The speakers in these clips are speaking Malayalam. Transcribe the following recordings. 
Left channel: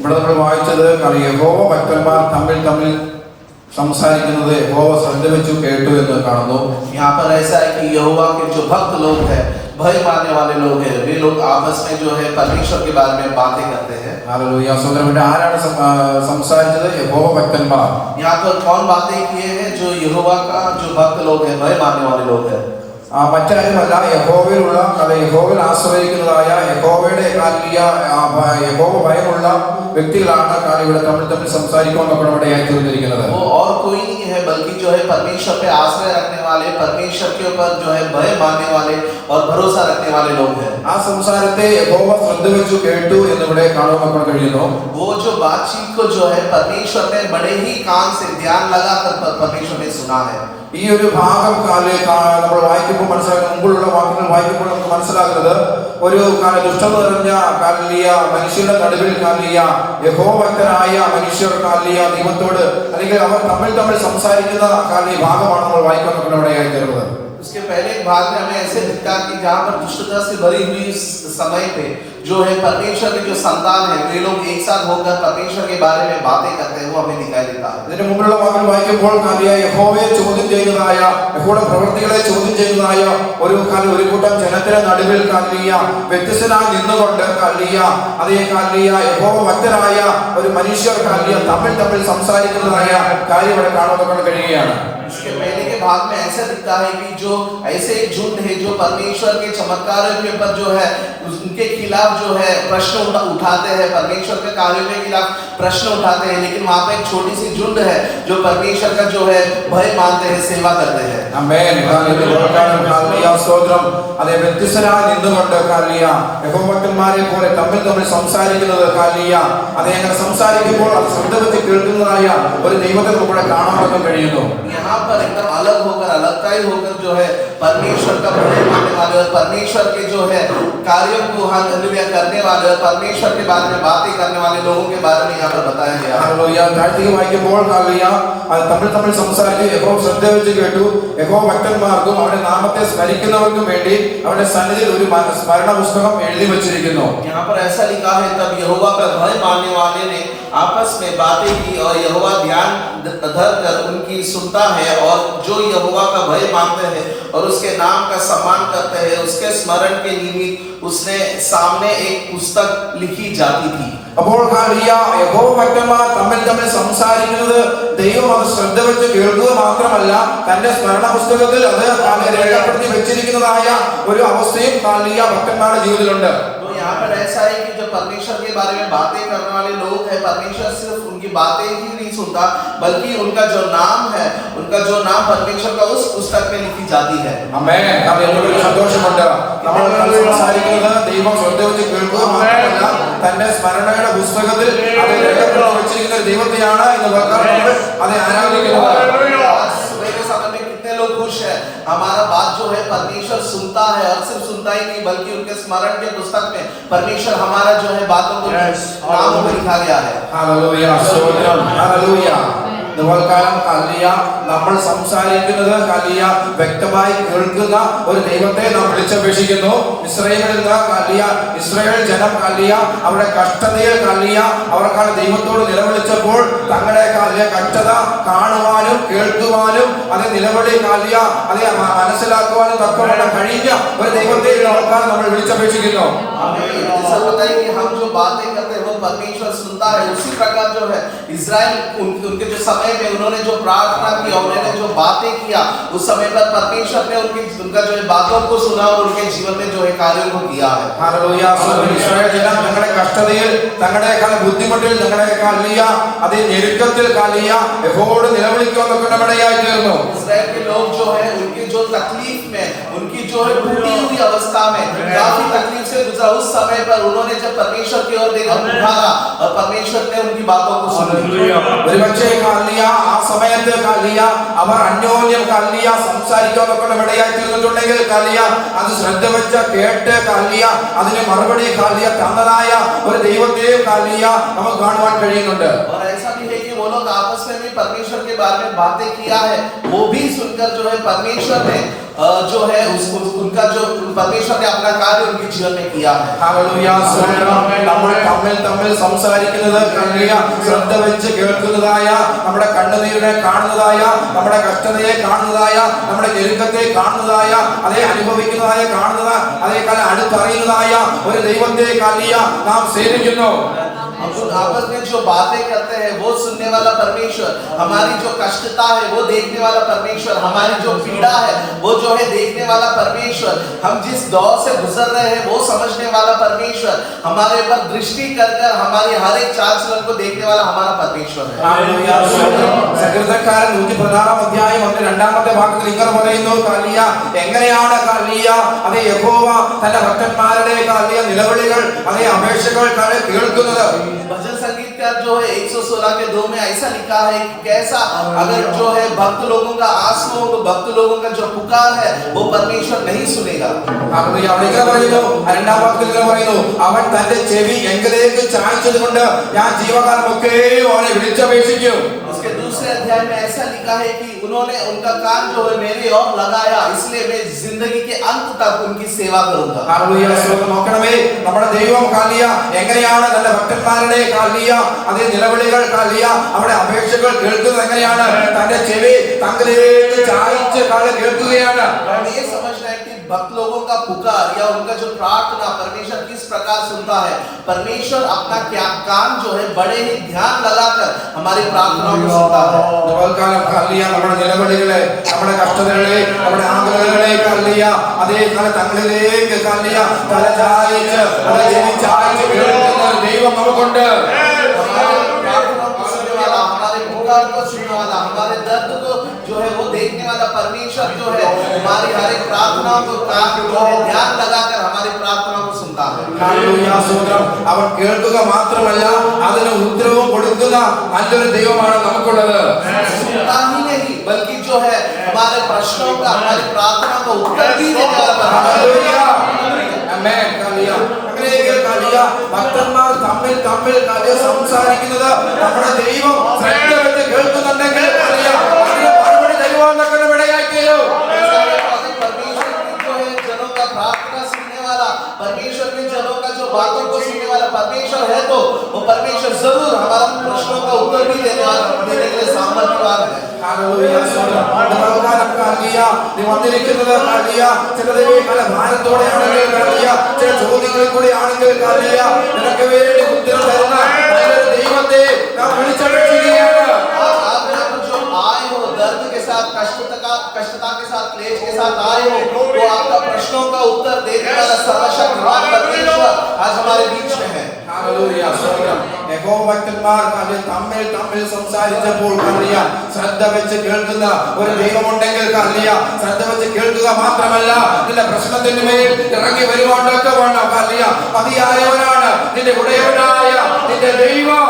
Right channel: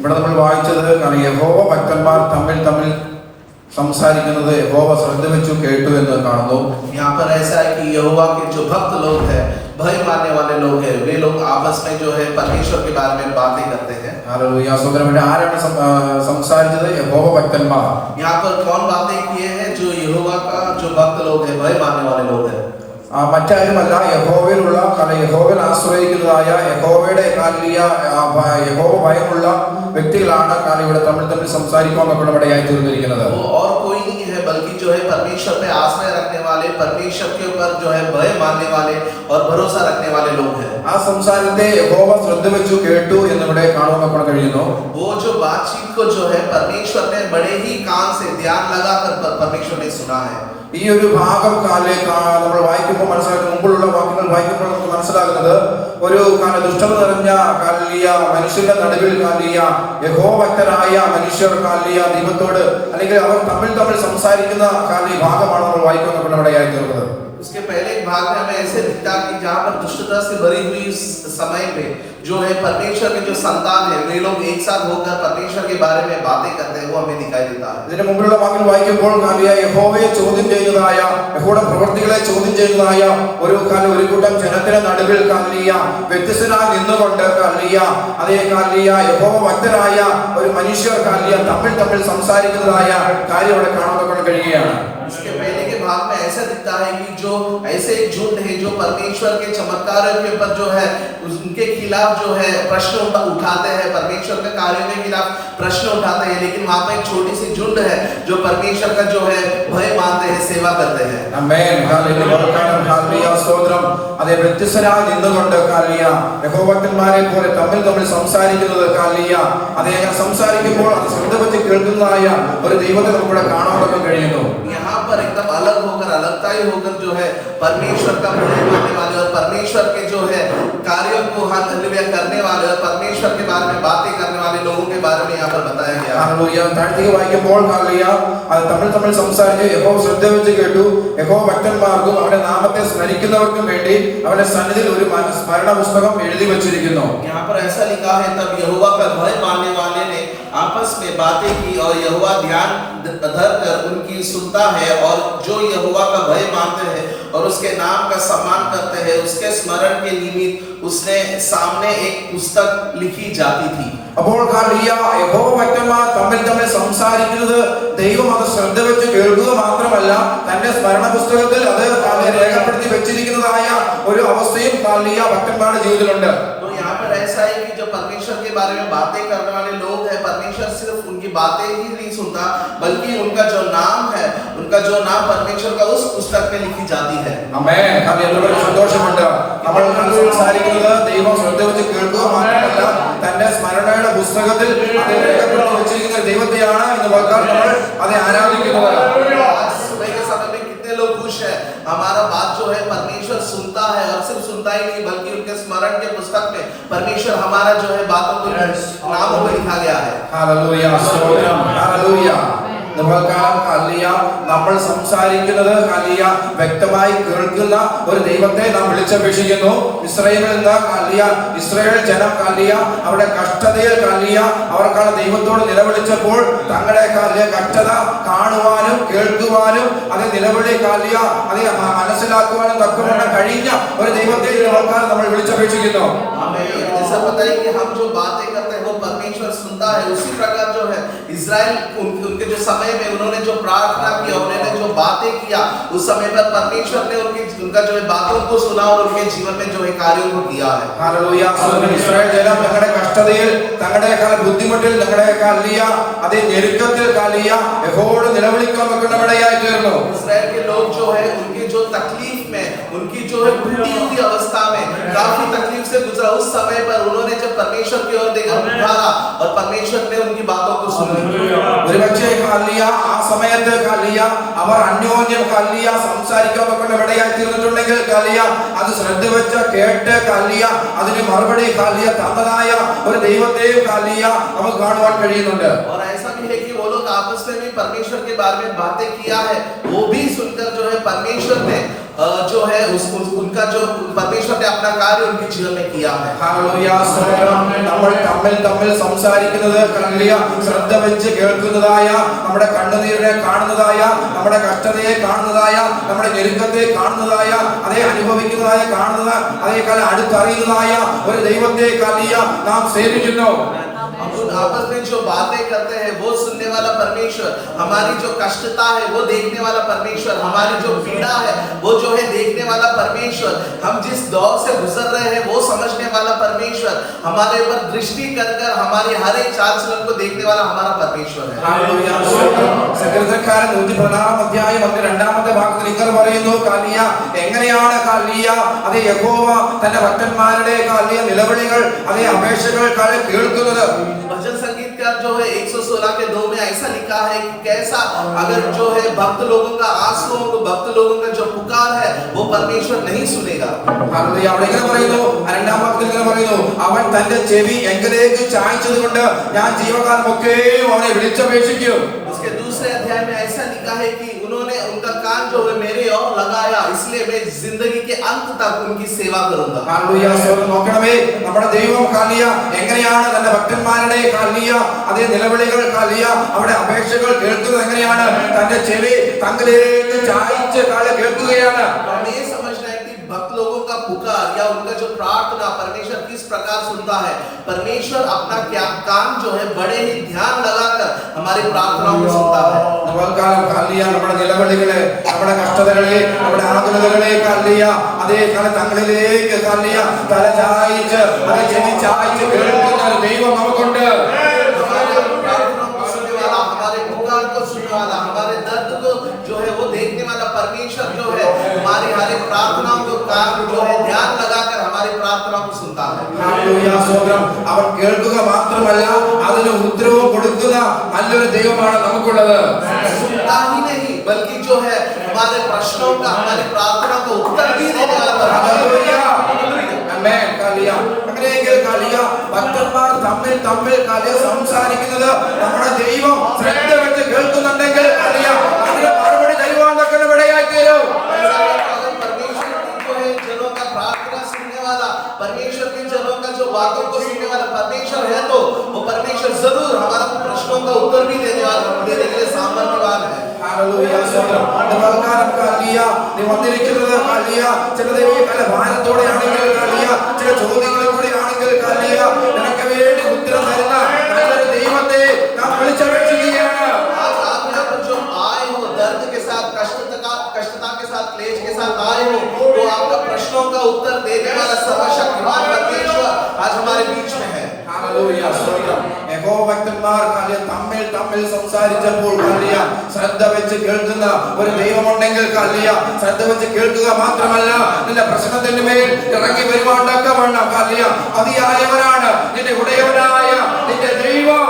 ഇവിടെ നമ്മൾ വായിച്ചത് യഹോവ ഭക്തന്മാർ തമ്മിൽ സംസാരിക്കുന്നത് യഹോവ ശ്രദ്ധ വെച്ചു കേട്ടു എന്ന് കാണുന്നു. यहाँ पर ऐसा है कि यहोवा के जो भक्त लोग हैं, भय मानने वाले लोग हैं, वे लोग आपस में जो है परमेश्वर के बारे में बातें करते हैं. ഹല്ലേലൂയ. സഹോദരന്മാരെ, ആരാണ് സംസാരിച്ചത്? യഹോവ ഭക്തന്മാർ. यहाँ पर कौन बातें किए हैं? जो यहोवा का जो भक्त लोग हैं, भय मानने वाले लोग हैं. മറ്റാരുമല്ല, യഹോവയിലുള്ള യഹോവയിൽ ആശ്രയിക്കുന്നതായ യഹോവയുടെ യഹോവ ഭയമുള്ള വ്യക്തികളാണ് ഇവിടെ തമ്മിൽ സംസാരിക്കാൻ നമ്മുടെ ഇടയായി തീർന്നിരിക്കുന്നത്. वो और कोई नहीं है बल्कि जो है परमेश्वर पे आश्रय रखने वाले, परमेश्वर के ऊपर जो है भय मानने वाले और भरोसा रखने वाले लोग हैं. ആ സംസാരത്തെ യഹോവ ശ്രദ്ധ വെച്ചു കേട്ടു എന്നിവിടെ കാണാൻ നമുക്ക് കഴിയുന്നു. वो जो बातचीत को जो है परमेश्वर ने बड़े ही कान से ध्यान लगाकर परमेश्वर ने सुना है. ഈ ഒരു ഭാഗം നമ്മൾ വായിക്കുമ്പോൾ മുമ്പുള്ള വാക്യങ്ങൾ വായിക്കുമ്പോൾ നമുക്ക് മനസ്സിലാകുന്നത് ഒരു ദുഷ്ടത നിറഞ്ഞ മനുഷ്യന്റെ നടുവിൽ യഹോവഭക്തരായ മനുഷ്യർ ദൈവത്തോട് അല്ലെങ്കിൽ അവർ തമ്മിൽ സംസാരിക്കുന്ന ഭാഗമാണ് നമ്മൾ വായിക്കാൻ ഇടയായി തീർന്നത്. उसके पहले एक भाग में हमें ऐसे दिखता कि जहाँ पर दुष्टता से भरी हुई समय पे जो है परमेश्वर के जो संतान है वे लोग एक साथ होकर परमेश्वर के बारे में बातें करते हैं, वो हमें दिखाई देता है. ഇതിന്റെ മുമ്പിലുള്ള വാക്യം വായിക്കുമ്പോൾ യഹോവയെ ചോദ്യം ചെയ്യുന്നതായ, യഹോവയുടെ പ്രവൃത്തികളെ ചോദ്യം ചെയ്യുന്നതായ ഒരു കൂട്ടം ജനത്തിന്റെ നടുവിൽ വ്യത്യസ്തനായി നിന്നുകൊണ്ട് അതേ യഹോവ ഭക്തരായ ഒരു മനുഷ്യർ തമ്മിൽ സംസാരിക്കുന്നതായ കാര്യം ഇവിടെ കാണാൻ കഴിയുകയാണ്. इसके पहले के भाग में ऐसा दिखता है कि जो ऐसे एक झुंड है जो परमेश्वर के चमत्कारों के ऊपर जो है उनके खिलाफ जो है प्रश्न उठाते हैं, परमेश्वर के कार्यों के खिलाफ प्रश्न उठाते हैं, लेकिन वहां पर एक छोटी सी झुंड है जो परमेश्वर का जो है भय मानते हैं, सेवा करते हैं. ആമേൻ. ഹല്ലേലൂയ. സ്തോത്രം. അതേ വ്യത്യസ്തരായി നിന്നുകൊണ്ട് യഹോവഭക്തന്മാരെ പോലെ തമ്മിൽ സംസാരിക്കുന്നത് അതേ സംസാരിക്കുമ്പോൾ അത് ശ്രദ്ധ വെച്ച് കേൾക്കുന്നതായ ഒരു ദൈവത്തെ നമുക്കിവിടെ കാണാൻ കഴിയുന്നു. यहाँ पर एकदम अलग होकर, अलगताई होकर जो है परमेश्वर का भय मानने वाले और परमेश्वर के जो है कार्यों को हालेलुया करने वाले और परमेश्वर के बारे में बातें करने वाले लोगों के बारे में यहाँ पर बताया गया है. ഹല്ലേലൂയ. താഴ്ത്തിക വായിക്കുമ്പോൾ തമ്മിൽ സംസാരിച്ച് യഹോവ ശ്രദ്ധ വെച്ച് കേട്ടു. യഹോവ ഭക്തന്മാർക്കും അവരുടെ നാമത്തെ സ്മരിക്കുന്നവർക്കും വേണ്ടി അവരുടെ സന്നിധിയിൽ ഒരു സ്മരണ പുസ്തകം എഴുതി വെച്ചിരിക്കുന്നു. यहाँ पर ऐसा लिखा है, तब यहोवा का भय मानने वाले ने आपस में बातें की और यहोवा ध्यान धर कर उनकी सुनता है, और जो यहोवा का भय मानते हैं और उसके नाम का सम्मान करते हैं, उसके स्मरण के निमित्त उसने सामने एक पुस्तक लिखी जाती थी. അപ്പോൾ യഹോവ ഭക്തന്മാർ തമ്മിൽ സംസാരിക്കുന്നത് ദൈവം അത് ശ്രദ്ധ വെച്ച് കേൾക്കുക മാത്രമല്ല, തന്റെ സ്മരണ പുസ്തകത്തിൽ അത് രേഖപ്പെടുത്തി വെച്ചിരിക്കുന്നതായ ഒരു അവസ്ഥയും ഭക്തന്മാരുടെ ജീവിതത്തിലുണ്ട്. तो यहाँ पर ऐसा है कि जो परमेश्वर के बारे में बातें करने वाले लोग हैं, परमेश्वर सिर्फ उनकी बातें ही नहीं सुनता, बल्कि उनका जो नाम है, उनका जो नाम परमेश्वर का उस पुस्तक में लिखी जाती है. ആമേൻ. ഹല്ലേലൂയ. സന്തോഷമുണ്ട്. നമ്മൾ സംസാരിക്കുന്നത് ദൈവം ശ്രദ്ധ വെച്ച് കേൾക്കുക മാത്രമല്ല, തന്റെ സ്മരണയുടെ പുസ്തകത്തിൽ അത് രേഖപ്പെടുത്തി വെച്ചിരിക്കുന്ന ദൈവത്തെയാണ് എന്ന് പറഞ്ഞാൽ നമ്മൾ അത് ആരാധിക്കുന്നത്. आज सुबह के समय में कितने लोग खुश हैं? हमारा बात जो है परमेश्वर सुनता है, और सिर्फ सुनता ही नहीं बल्कि उनके स्मरण के पुस्तक में परमेश्वर हमारा जो है बातों को नामों में लिखा गया है. ഹല്ലേലൂയ. സ്തോത്രം. ഹല്ലേലൂയ. നമ്മൾ സംസാരിക്കുന്നത് വ്യക്തമായി കേൾക്കുന്ന ഒരു ദൈവത്തെ നാം വിളിച്ചപേക്ഷിക്കുന്നു. ഇസ്രായേൽ ജനം അവരുടെ കഷ്ടതയിൽ അവർക്കാണ് ദൈവത്തോട് നിലവിളിച്ചപ്പോൾ തങ്ങളുടെ കഷ്ടത കാണുവാനും കേൾക്കുവാനും അത് നിലവിളി അത് മനസ്സിലാക്കുവാനും തക്കവണ്ണം കഴിഞ്ഞ ഒരു ദൈവത്തെ നമ്മൾ വിളിച്ചപേക്ഷിക്കുന്നു. जैसा पता है कि हम जो बातें करते हैं वो परमेश्वर सुनता है, उसी प्रकार जो है इजराइल उनके जो समय में उन्होंने जो प्रार्थना की और उन्होंने जो बातें किया, उस समय पर परमेश्वर ने उनका जो है बातों को सुना और उनके जीवन में जो है कार्यों को किया है. ഹല്ലേലൂയ. ഇസ്രായേൽ ജനം തങ്ങളുടെ കഷ്ടതയിൽ, തങ്ങളുടെ ബുദ്ധിമുട്ടിൽ, തങ്ങളുടെ അതേ ഞെരുക്കത്തിൽ യഹോവയോട് നിലവിളിക്കാൻ ഇടയായി തീർന്നു. इस्राएल के लोग जो है उनके जो तकलीफ में, उनकी जो है टूटी हुई अवस्था में काफी तकलीफ से गुजरा, उस समय पर उन्होंने जब परमेश्वर की ओर देखा, पुकारा और परमेश्वर ने उनकी बातों को सुन लिया. ഒരുപക്ഷേ ആ സമയത്ത് അവർ അന്യോന്യം സംസാരിക്കാൻ ഇടയായി തീർന്നിട്ടുണ്ടെങ്കിൽ അത് ശ്രദ്ധ വെച്ച കേട്ട് അതിന് മറുപടി തന്നതായ ഒരു ദൈവത്തെയും നമുക്ക് കാണുവാൻ കഴിയുന്നുണ്ട്. और ऐसा भी है कि वो लोग आपस में भी परमेश्वर के बारे में बातें किया है, वो भी सुनकर जो है परमेश्वर ने जो है उसको उनका जो परमेश्वर ने अपना कार्य उनके जीवन में किया है। ഹല്ലേലൂയ സ്തോത്രം. നമ്മൾ തമ്മിൽ സംസാരിക്കുന്നത് ഹല്ലേലൂയ ശ്രദ്ധ വെച്ച് കേൾക്കുന്നതായ, നമ്മുടെ കണ്ണുനീരിനെ കാണുന്നതായ, നമ്മുടെ കഷ്ടതയെ കാണുന്നതായ, നമ്മുടെ ഞെരുക്കത്തെ കാണുന്നതായ, അതേ അനുഭവിക്കുന്നതായ കാണുന്ന അതേ കാലം അടുത്തറിയുന്നതായ ഒരു ദൈവത്തെ ഹല്ലേലൂയ നാം സേവിക്കുന്നു. हम लोग आपस में जो बातें करते हैं वो सुनने वाला परमेश्वर, हमारी जो कष्टता है वो देखने वाला परमेश्वर, हमारी जो पीड़ा है वो जो है देखने वाला परमेश्वर, हम जिस दौर से गुजर रहे हैं वो समझने वाला परमेश्वर, हमारे ऊपर दृष्टि कर कर हमारी हर एक चाल चलन को देखने वाला हमारा परमेश्वर है। ഹല്ലേലൂയ സ്തോത്രം. സങ്കീർത്തനക്കാരൻ 116 അധ്യായം അതിന്റെ 2-ാമത്തെ ഭാഗത്തിൽ ഇങ്ങനെ പറയുന്നു, ഹല്ലേലൂയ എങ്ങനെയാണ് ഹല്ലേലൂയ അതേ യഹോവ തന്റെ ഭക്തന്മാരുടെ ഹല്ലേലൂയ നിലവിളികൾ അതേ അപേക്ഷകൾ കേൾക്കുന്നത്. भजन संगीत का जो है 116 के 2 में ऐसा लिखा है कि कैसा अगर जो है भक्त लोगों का आंसुओं को, भक्त लोगों का जो पुकार है वो परमेश्वर नहीं सुनेगा। ഹല്ലേലൂയ അവിടെ ഇങ്ങനെ പറയുന്നു, 2-ാം വാക്യത്തിൽ ഇങ്ങനെ പറയുന്നു, അവൻ തന്റെ ചെവി എങ്കിലേക്ക് ചായ്ച്ചതുകൊണ്ട് ഞാൻ ജീവകാലമൊക്കെ അവനെ വിളിച്ചപേക്ഷിക്കും. उसके दूसरे अध्याय में ऐसा लिखा है कि उन्होंने उनका कान जो है मेरे ओर लगाया, इसलिए मैं जिंदगी के अंत तक उनकी सेवा करूंगा। ഹല്ലേലൂയ സ്തോത്രം. നോക്കണമേ, നമ്മുടെ ദൈവം ഹല്ലേലൂയ എങ്ങനെയാണ് തന്റെ ഭക്തന്മാരുടെ ഹല്ലേലൂയ അതേ നിലവിളികൾ ഹല്ലേലൂയ അവരുടെ അപേക്ഷകൾ കേൾക്കുന്നത് എങ്ങനെയാണ്? തന്റെ ചെവി തങ്കിലേക്ക് ചായ്ച്ച് കേൾക്കുകയാണ്. हमें ये समझना है कि भक्त लोगों का पुकार या उनका जो प्रार्थना परमेश्वर किस प्रकार सुनता है। परमेश्वर अपना क्या कान जो है बड़े ही ध्यान लगाकर हमारी प्रार्थनाओं को सुनता है। കാലം ഹല്ലേലൂയ നമ്മുടെ നിലവിളികളെ, നമ്മുടെ കഷ്ടതകളെ, നമ്മുടെ ആകുലതകളെ ഹല്ലേലൂയ അതേ കാലം തങ്ങളിലേക്ക് ഹല്ലേലൂയ തല ചായ്ച്ച് അതേ ചെവി ചായ്ച്ച് കേൾക്കുന്ന ദൈവം നമുക്കുണ്ട്. हमारे प्रार्थनाओं को सुनने वाला, हमारे पुकार को सुनने वाला, हमारे दर्द को जो है वो देखने वाला परमेश्वर जो है हमारी हर एक प्रार्थनाओं को कान जो है ध्यान लगाकर हमारी प्रार्थनाओं को सुनता है। ഹല്ലേലൂയ സ്തോത്രം. അവൻ കേൾക്കുക മാത്രമല്ല അതിന് ഉത്തരവും കൊടുക്കുന്ന നല്ലൊരു ദൈവമാണ് നമുക്കുള്ളത്. सुनता ही नहीं बल्कि जो है हमारे प्रश्नों का, हमारी प्रार्थनाओं का उत्तर भी देने वाला ഹല്ലേലൂയ. परमेश्वर। ആമേൻ. ഹല്ലേലൂയ. അങ്ങനെയെങ്കിൽ ഹല്ലേലൂയ ഭക്തന്മാർ തമ്മിൽ ഹല്ലേലൂയ സംസാരിക്കുന്നത് നമ്മുടെ ദൈവം ശ്രദ്ധ വെച്ച് കേൾക്കുന്നുണ്ടെങ്കിൽ ഹല്ലേലൂയ അതിന് മറുപടി ദൈവം ഇടയായി തീരും. परमेश्वर जो है जनों का प्रार्थना सुनने वाला, परमेश्वर के जनों का जो बातों को सुनने वाला परमेश्वर है तो वो परमेश्वर जरूर हमारे प्रश्नों का उत्तर भी देने के लिए सामर्थ्यवान है। ഹല്ലേലൂയ സ്തോത്രം. നമുക്ക് ഹല്ലേലൂയ നീ വന്നിരിക്കുന്നത് ഹല്ലേലൂയ ചിലത് പല ഭാരത്തോടെ ആണെങ്കിൽ ഹല്ലേലൂയ ചില ചോദ്യങ്ങളിൽ കൂടി ആണെങ്കിൽ ഹല്ലേലൂയ നിനക്ക് വേണ്ടി ഉത്തരം തരുന്ന നല്ലൊരു ദൈവത്തെ നാം വിളിച്ചപേക്ഷിക്കുകയാണ്. आज आप यहाँ पर जो आए हो दर्द के साथ, कष्टता के साथ, क्लेश के साथ आए हो, तो आपका प्रश्नों का उत्तर देने वाला सर्वशक्तिमान परमेश्वर आज हमारे बीच में है। ഹല്ലേലൂയ സ്തോത്രം. യഹോവ ഭക്തന്മാർ തമ്മിൽ സംസാരിച്ചപ്പോൾ ഹല്ലേലൂയ ശ്രദ്ധ വെച്ച് കേൾക്കുന്ന ഒരു ദൈവമുണ്ടെങ്കിൽ ഹല്ലേലൂയ ശ്രദ്ധ വെച്ച് കേൾക്കുക മാത്രമല്ല നിന്റെ പ്രശ്നത്തിന്റെ മേൽ ഇറങ്ങി വരുവാണ്ടൊക്കെ വേണം. ഹല്ലേലൂയ മതിയായവനാണ് നിന്റെ ഉടയവനായ നിന്റെ ദൈവം.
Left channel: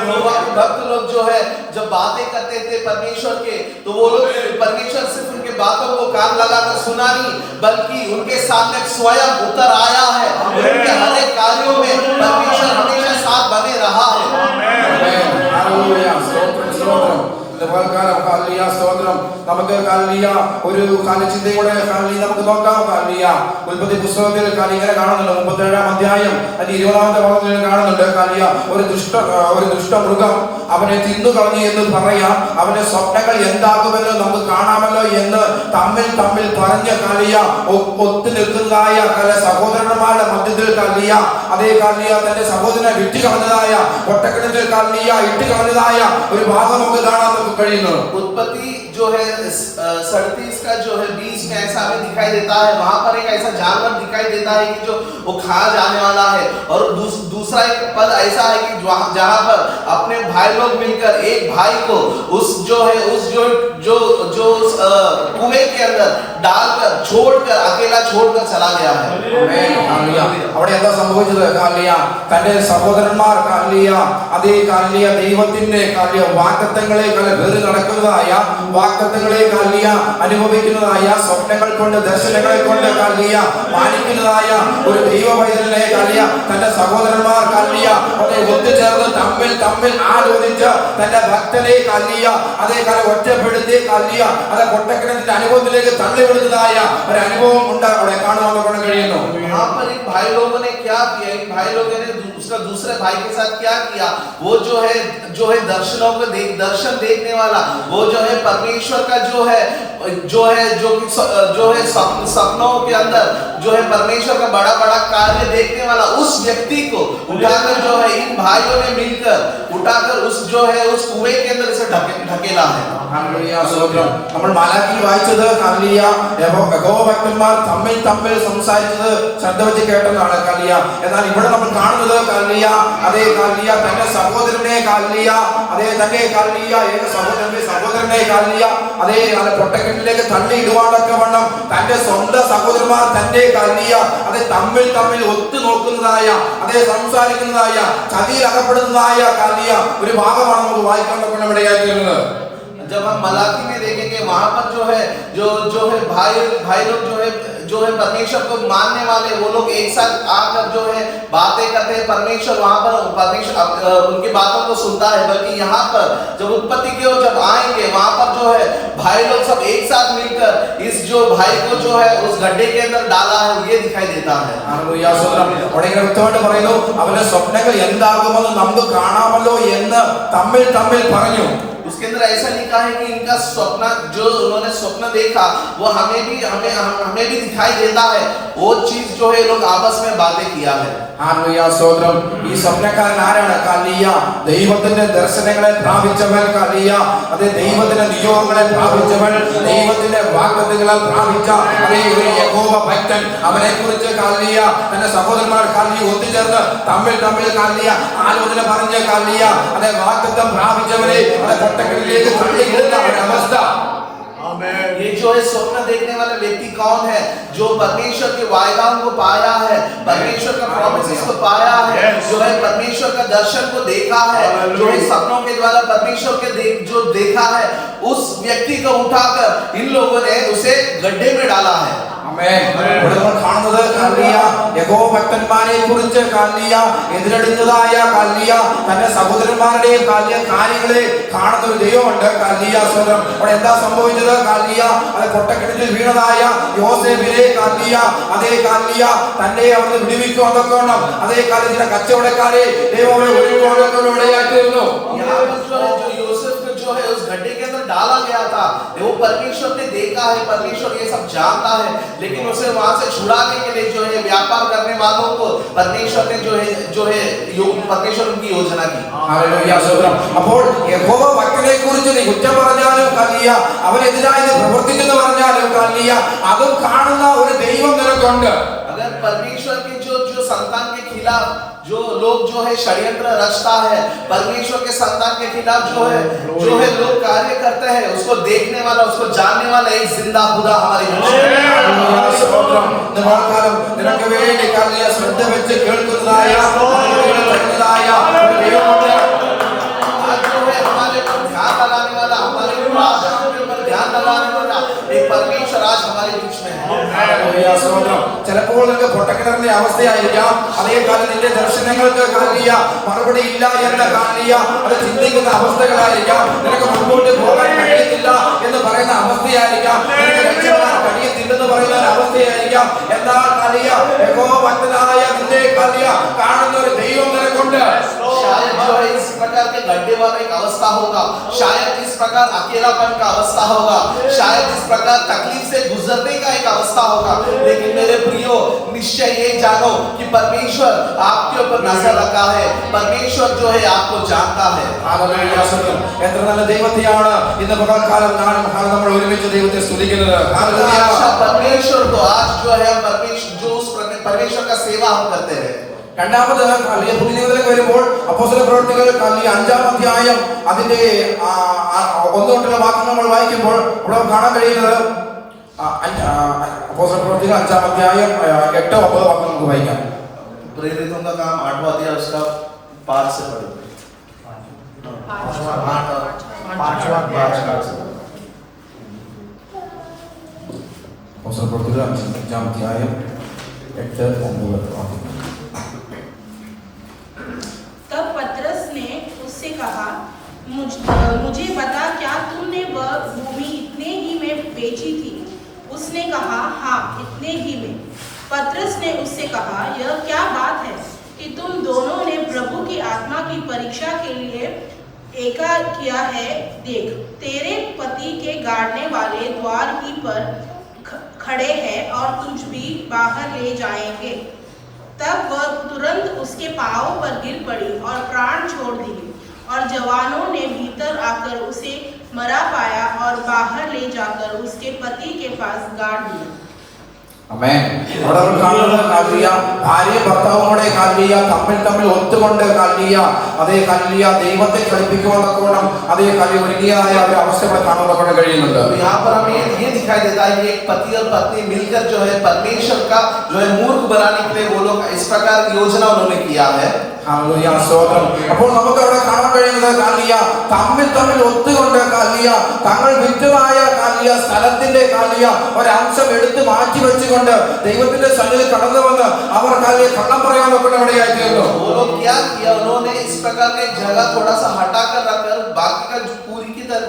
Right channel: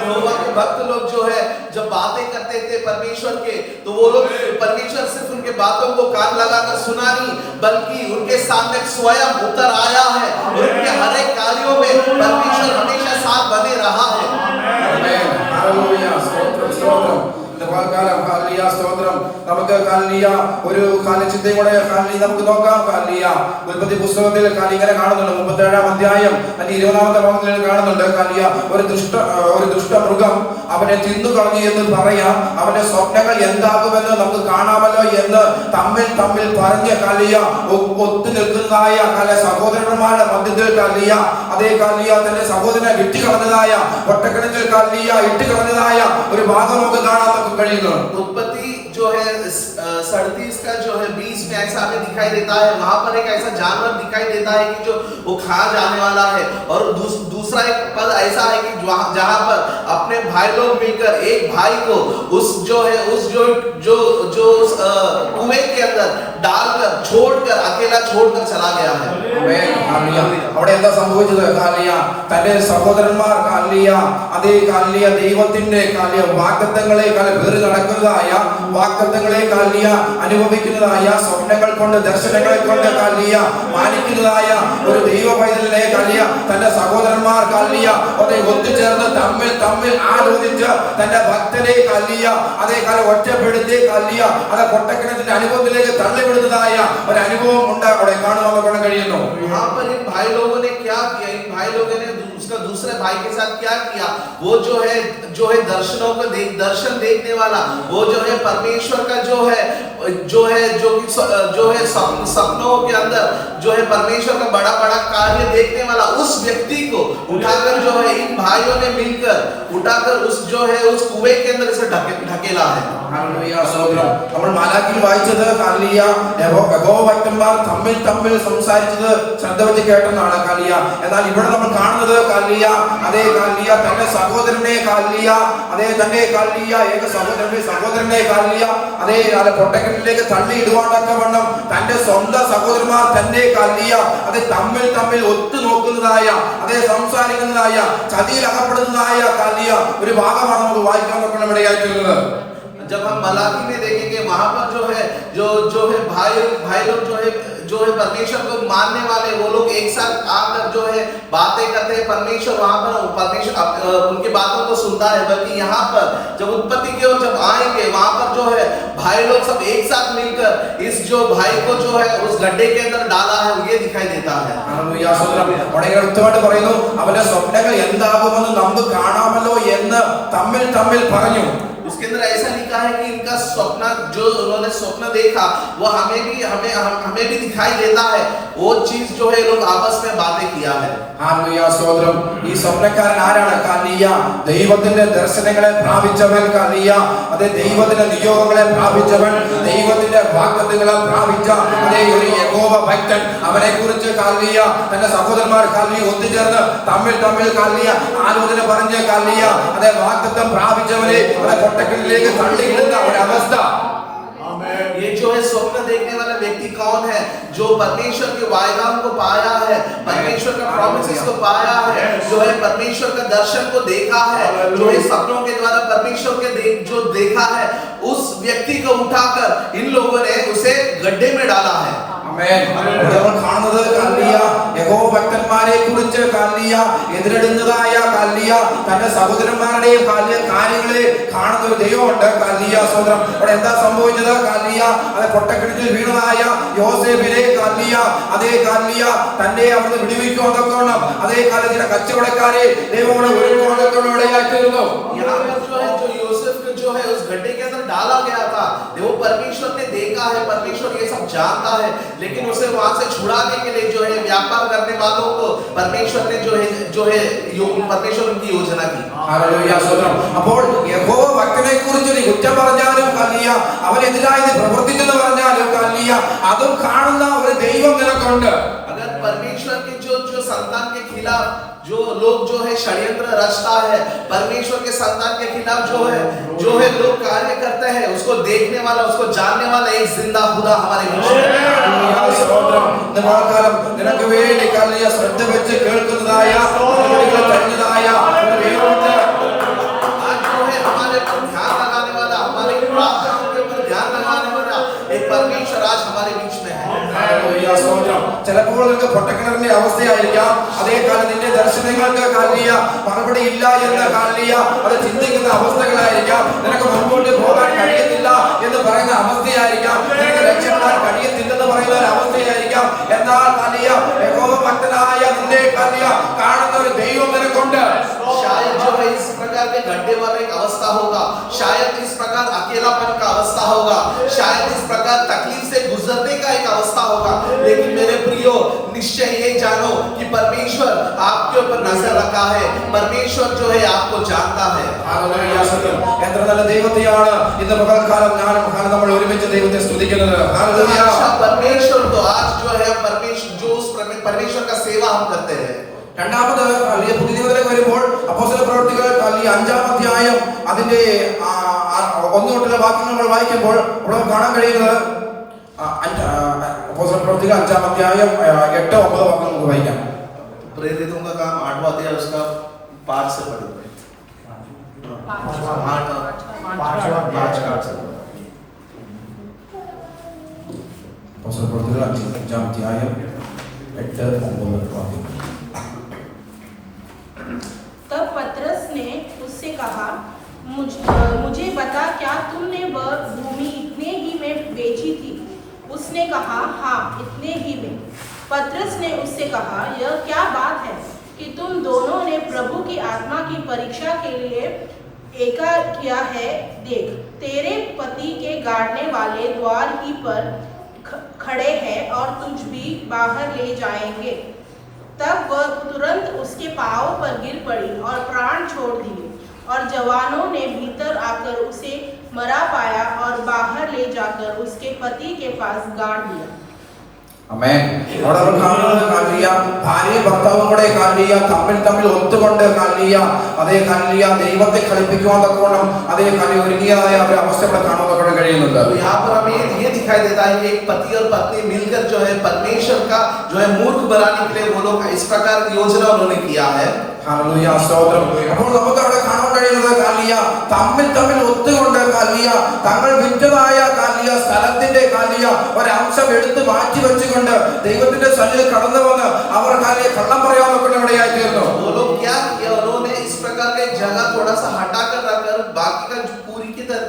यहोवा के भक्त लोग जो है जब बातें करते थे परमेश्वर के, तो वो लोग परमेश्वर सिर्फ उनके बातों को कान लगाकर सुना नहीं, बल्कि उनके सामने स्वयं उतर आया है। उनके हर एक कार्यों में परमेश्वर हमेशा साथ बने रहा है। ആമേൻ. ഹല്ലേലൂയ സ്തോത്രം സ്തോത്രം. കാലം ഹല്ലേലൂയ സ്തോത്രം. നമുക്ക് ഹല്ലേലൂയ ഒരു കാലചിന്തയും കൂടെ ഹല്ലേലൂയ നമുക്ക് നോക്കാം. ഹല്ലേലൂയ ഉൽപ്പത്തി പുസ്തകത്തിൽ ഹല്ലേലൂയ ഇങ്ങനെ കാണുന്നുണ്ട്, 37-ാം അധ്യായം അതിന്റെ 20-ാമത്തെ ഭാഗത്തിൽ കാണുന്നുണ്ട്. ഹല്ലേലൂയ ഒരു ദുഷ്ടമൃഗം അവനെ തിന്നു കളഞ്ഞു എന്ന് പറയാം. അവന്റെ സ്വപ്നങ്ങൾ എന്താകുമെന്ന് നമുക്ക് കാണാമല്ലോ എന്ന് തമ്മിൽ പറഞ്ഞ് ഹല്ലേലൂയ ഒത്തു നിൽക്കുന്നതായ സഹോദരന്മാരുടെ മധ്യത്തിൽ ഹല്ലേലൂയ അതേ ഹല്ലേലൂയ തന്റെ സഹോദരനെ വിട്ടുകളഞ്ഞതായ ഒറ്റക്കിടങ്ങിൽ ഹല്ലേലൂയ ഇട്ടുകളഞ്ഞതായ ഒരു ഭാഗം നമുക്ക് കാണാൻ കഴിയുന്നു. उत्पत्ति जो है 37 का जो है 20 में ऐसा हमें दिखाई देता है। वहां पर एक ऐसा जानवर दिखाई देता है कि जो वो खा जाने वाला है, और दूसरा एक पद ऐसा है कि जहां पर अपने भाई लोग मिलकर एक भाई को उस जो कुएं के अंदर डालकर छोड़कर अकेला छोड़कर चला गया है। ആമേൻ. ഹല്ലേലൂയ. അവിടെ എന്താ സംഭവിച്ചത്? ഹല്ലേലൂയ തന്റെ സഹോദരന്മാർ ഹല്ലേലൂയ അതേ ഹല്ലേലൂയ ദൈവത്തിന്റെ ഹല്ലേലൂയ വാഗ്ദത്തങ്ങളെ വേറി നടക്കുന്നതായ വാഗ്ദത്തങ്ങളെ കാലിയ അനുഭവിക്കുന്നതായ സ്വപ്നങ്ങൾ കൊണ്ട് ദർശനങ്ങളെ കൊണ്ട് കാലിയ മാനിക്കുന്നതായ ഒരു ദൈവ പൈതലിനെ കാലിയ തന്റെ സഹോദരന്മാർ കാലിയ അതെ ഒത്തുചേർന്ന് തമ്മിൽ തമ്മിൽ ആലോചിച്ച് തന്റെ ഭക്തനെ കാലിയ അതേ കാലം ഒറ്റപ്പെടുത്തി കാലിയ അത് കൊട്ടക്കിണത്തിന്റെ അനുഭവത്തിലേക്ക് തള്ളിവിടുന്നതായ ഒരു അനുഭവം ഉണ്ട് അവിടെ കാണുവാൻ കഴിയുന്നു. वहां पर इन भाई लोगों ने क्या किया, इन भाई लोगों ने दूसरे भाई के साथ क्या किया, वो जो है दर्शनों को दर्शन देखने वाला, वो जो है परमेश्वर का जो है सपनों के अंदर जो है परमेश्वर का बड़ा बड़ा कार्य देखने वाला उस व्यक्ति को उठाकर जो है इन भाइयों ने मिलकर उठाकर उस जो है उस कुएं के अंदर इसे ढकेला है. നമ്മൾ മാലാഖിയിൽ വായിച്ചത് കാലിയ യഹോവഭക്തന്മാർ തമ്മിൽ തമ്മിൽ സംസാരിച്ചത് ശ്രദ്ധ വെച്ച് കേട്ടെന്നാണ് കാലിയ. എന്നാൽ ഇവിടെ നമ്മൾ കാണുന്നത് കാലിയ അതേ കാലിയ തന്റെ സഹോദരനെ കാലിയ അതേ തന്നെ കാലിയ ഏക സഹോദരനെ കാലിയ അതേ പൊട്ടക്കെട്ടിലേക്ക് തള്ളിയിടുവാനൊക്കെ വണ്ണം തന്റെ സ്വന്തം സഹോദരന്മാർ തന്നെ കാലിയ അതേ തമ്മിൽ തമ്മിൽ ഒത്തു നോക്കുന്നതായ അതേ സംസാരിക്കുന്നതായ ചതിയിൽ അകപ്പെടുന്നതായ കാലിയ ഒരു ഭാഗമാണ് നമുക്ക് വായിക്കാൻ പറ്റുന്ന ഇടയായി തീർന്നത്. जब हम मलाकी में देखेंगे वहां पर जो है भाई लोग जो है परमेश्वर को मानने वाले वो लोग एक साथ आकर जो है बातें करते हैं. परमेश्वर वहां पर उनकी बातों को सुनता है. बल्कि यहाँ पर जब उत्पत्ति की ओर जब आएंगे वहां पर जो है भाई लोग सब एक साथ मिलकर इस जो भाई को जो है उस गड्ढे के अंदर डाला है ये दिखाई देता है. വ്യക്തമായിട്ട് പറയുന്നു അവരുടെ സ്വപ്നങ്ങൾ എന്താകുമെന്ന് നമുക്ക് കാണാമല്ലോ എന്ന് തമ്മിൽ തമ്മിൽ പറഞ്ഞു. उसके अंदर ऐसा लिखा है कि इनका स्वप्न जो उन्होंने स्वप्न देखा वो हमें भी दिखाई देता है. वो चीज जो है लोग आपस में बातें किया है. സ്വന്തം ഈ സ്വപ്നക്കാരൻ ആരാണ്? കാലിയ ദൈവത്തിന്റെ ദർശനങ്ങളെ പ്രാപിച്ചവൻ കാലിയ അതേ ദൈവത്തിന്റെ നിയോഗങ്ങളെ പ്രാപിച്ചവൻ ദൈവത്തിന്റെ വാഗ്ദത്തങ്ങളെ പ്രാപിച്ച അതേ ഒരു യഹോവ ഭക്തൻ. അവനെ കുറിച്ച് കാലിയ തന്റെ സഹോദരന്മാർ കാലിയ ഒത്തുചേർന്ന് തമ്മിൽ തമ്മിൽ കാലിയ ആലോചന പറഞ്ഞ് കാലിയ അതേ വാഗ്ദത്തം പ്രാപിച്ചവരെ അതേ കൊട്ടക്കിലേക്ക് തള്ളിയിടുന്ന ഒരവസ്ഥ. ये जो है स्वप्न देखने वाला व्यक्ति कौन है? जो परमेश्वर के वायदाओं को पाया है, परमेश्वर का प्रॉमिसेस को पाया है, जो है परमेश्वर का दर्शन को देखा है, जो है सपनों के द्वारा परमेश्वर के जो देखा है उस व्यक्ति को उठाकर इन लोगों ने उसे गड्ढे में डाला है. കാണുന്നത് കാലിയ യഹോവ ഭക്തന്മാരെ കുറിച്ച് കാലിയ എതിരിടുന്നതായ കാലിയ തന്റെ സഹോദരന്മാരുടെയും കാലിയ കാര്യങ്ങളെ കാണുന്ന ഒരു ദൈവമുണ്ട് കാലിയ സ്വന്തം. അവിടെ എന്താ സംഭവിച്ചത്? കാലിയ അത് പൊട്ടക്കിണറ്റിൽ വീണതായ യോസേഫിനെ കാലിയ അതേ കാലിയ തന്നെ അവിടുന്ന് വിടുവിക്കുവാൻ അതേ കാലത്തിലെ കച്ചവടക്കാരെ ദൈവം ഇടയാക്കിയിരുന്നു. जो है उस गड्ढे के अंदर डाला गया था वो परमेश्वर ने देखा है, परमेश्वर ये सब जानता है, लेकिन उसे वहां से छुड़ाने के लिए जो है व्यापार करने वालों को परमेश्वर ने जो है परमेश्वर उनकी योजना की. അപ്പോൾ യഹോവ ഭക്തനെ കുറിച്ച് നീ കുറ്റം പറഞ്ഞാലും കാലിയ അവനെതിരായി പ്രവർത്തിക്കുന്നു പറഞ്ഞാലും കാലിയ അതും കാണുന്ന ഒരു ദൈവം നിനക്കുണ്ട്. अगर परमेश्वर के जो संतान के खिलाफ जो लोग जो है षड्यंत्र रचता है, परमेश्वर के संतान के खिलाफ जो है लोग कार्य करते हैं, उसको देखने वाला उसको जानने वाला एक जिंदा खुदा हमारे बीच में. നിനക്ക് വേണ്ടി കാലിയ ശ്രദ്ധ വെച്ച് കേൾക്കുന്നതായ आज जो है हमारे पर ध्यान लगाने वाला, हमारे प्रार्थनाओं के ऊपर ध्यान लगाने वाला एक परमेश्वर आज हमारे बीच में है. ചിലപ്പോൾ നിനക്ക് പൊട്ടക്കിണറിന്റെ അവസ്ഥയായിരിക്കാം. അതേ കാലം നിന്റെ ദർശനങ്ങൾക്ക് കാലിയ മറുപടി ഇല്ല എന്ന കാലിയ അത് ചിന്തിക്കുന്ന അവസ്ഥകളായിരിക്കാം. നിനക്ക് മുൻപോട്ട് പോകാൻ കഴിയത്തില്ല എന്ന് പറയുന്ന അവസ്ഥയായിരിക്കാം. നിനക്ക് രക്ഷപ്പെടാൻ കഴിയത്തില്ലെന്ന് പറയുന്ന ഒരു അവസ്ഥയായിരിക്കാം. എന്നാൽ കാലിയ യഹോവ ഭക്തനായ നിന്റെ കാലിയ കാണുന്ന ഒരു ദൈവം നിനക്കുണ്ട്. शायद जो है इस प्रकार के गड्ढे वाला एक अवस्था होगा, शायद इस प्रकार अकेलापन का अवस्था होगा, शायद इस प्रकार तकलीफ से गुजरने का एक अवस्था होगा, लेकिन मेरे प्रियो निश्चय ये जानो कि परमेश्वर आपके ऊपर नजर रखा है, परमेश्वर जो है आपको जानता है. എത്ര നല്ല ദൈവത്തെയാണ് ഇന്ന് പകൽക്കാലം നമ്മൾ ഒരുമിച്ച് ദൈവത്തെ സ്തുതിക്കുന്നത്. परमेश्वर तो आज जो है परमेश्वर का सेवा हम करते हैं. രണ്ടാമത് പുതിയ നിയമത്തിലേക്ക് വരുമ്പോൾ അപ്പോസ്തല പ്രവൃത്തികൾ 5-ാം അധ്യായം അതിന്റെ 1 തൊട്ടുള്ള വാക്യങ്ങൾ നമ്മൾ വായിക്കുമ്പോൾ ഇവിടെ കാണാൻ കഴിയുന്നത് അപ്പോസ്തല പ്രവൃത്തികൾ 5-ാം അധ്യായം 8-9 വാക്യങ്ങൾ നമുക്ക് വായിക്കാം. प्रेरितों का काम 8वां अध्याय उसका 5 से पढ़ेंगे. 8 और 5 से. അവസരപ്പെടുത്തുക 5-ാം അധ്യായം 8-9 വാക്യം. तब पतरस ने उससे कहा, मुझे बता, क्या तुमने वह भूमि इतने ही में बेची थी? उसने कहा, हाँ, इतने ही में। पतरस ने उससे कहा, यह क्या बात है कि तुम दोनों ने प्रभु की आत्मा की परीक्षा के लिए एका किया है? देख, तेरे पति के गाड़ने वाले द्वार की पर खड़े हैं और तुझ भी बाहर ले जाएंगे। तब वह तुरंत उसके पांवों पर गिर पड़ी और प्राण छोड़ दिए, और जवानों ने भीतर आकर उसे मरा पाया और बाहर ले जाकर उसके पति के पास गाड़ दिया। ആമേൻ. അവിടെ നമ്മൾ കാണുന്നത് കാലിയ ഭാര്യയും ഭർത്താവും കൂടെ കാലിയ തമ്മിൽ ഒത്തുകൊണ്ട് കാലിയ അതേ കാലിയ ദൈവത്തെ കളിപ്പിക്കുവാൻ തക്കോണം അതേ കാലിയ ഒരുങ്ങിയതായ ഒരു അവസ്ഥ ഇവിടെ കാണുവാൻ കഴിയുന്നുണ്ട്. तो यहाँ पर हमें ये दिखाई देता है कि एक पति और पत्नी मिलकर जो है परमेश्वर का जो है मूर्ख बनाने के लिए वो लोग इस प्रकार की योजना उन्होंने किया है। ഹല്ലേലൂയ, സ്തോത്രം. അപ്പോൾ നമുക്ക് അവിടെ കാണാൻ കഴിയുന്നത് കാലിയ തമ്മിൽ ഒത്തുകൊണ്ട് കാലിയ തങ്ങൾ വിറ്റതായ കാലിയ സ്ഥലത്തിന്റെ കാലിയ ഒരംശം എടുത്ത് മാറ്റി വെച്ചുകൊണ്ട് ദൈവത്തിന്റെ സന്നിധിയിൽ കടന്നു വന്ന് അവർ കാലിയ കള്ളം പറയാൻ ഇടയായി തീർന്നു. वो लोग क्या किया, उन्होंने इस प्रकार का जगह थोड़ा सा हटा कर रखकर बाकी का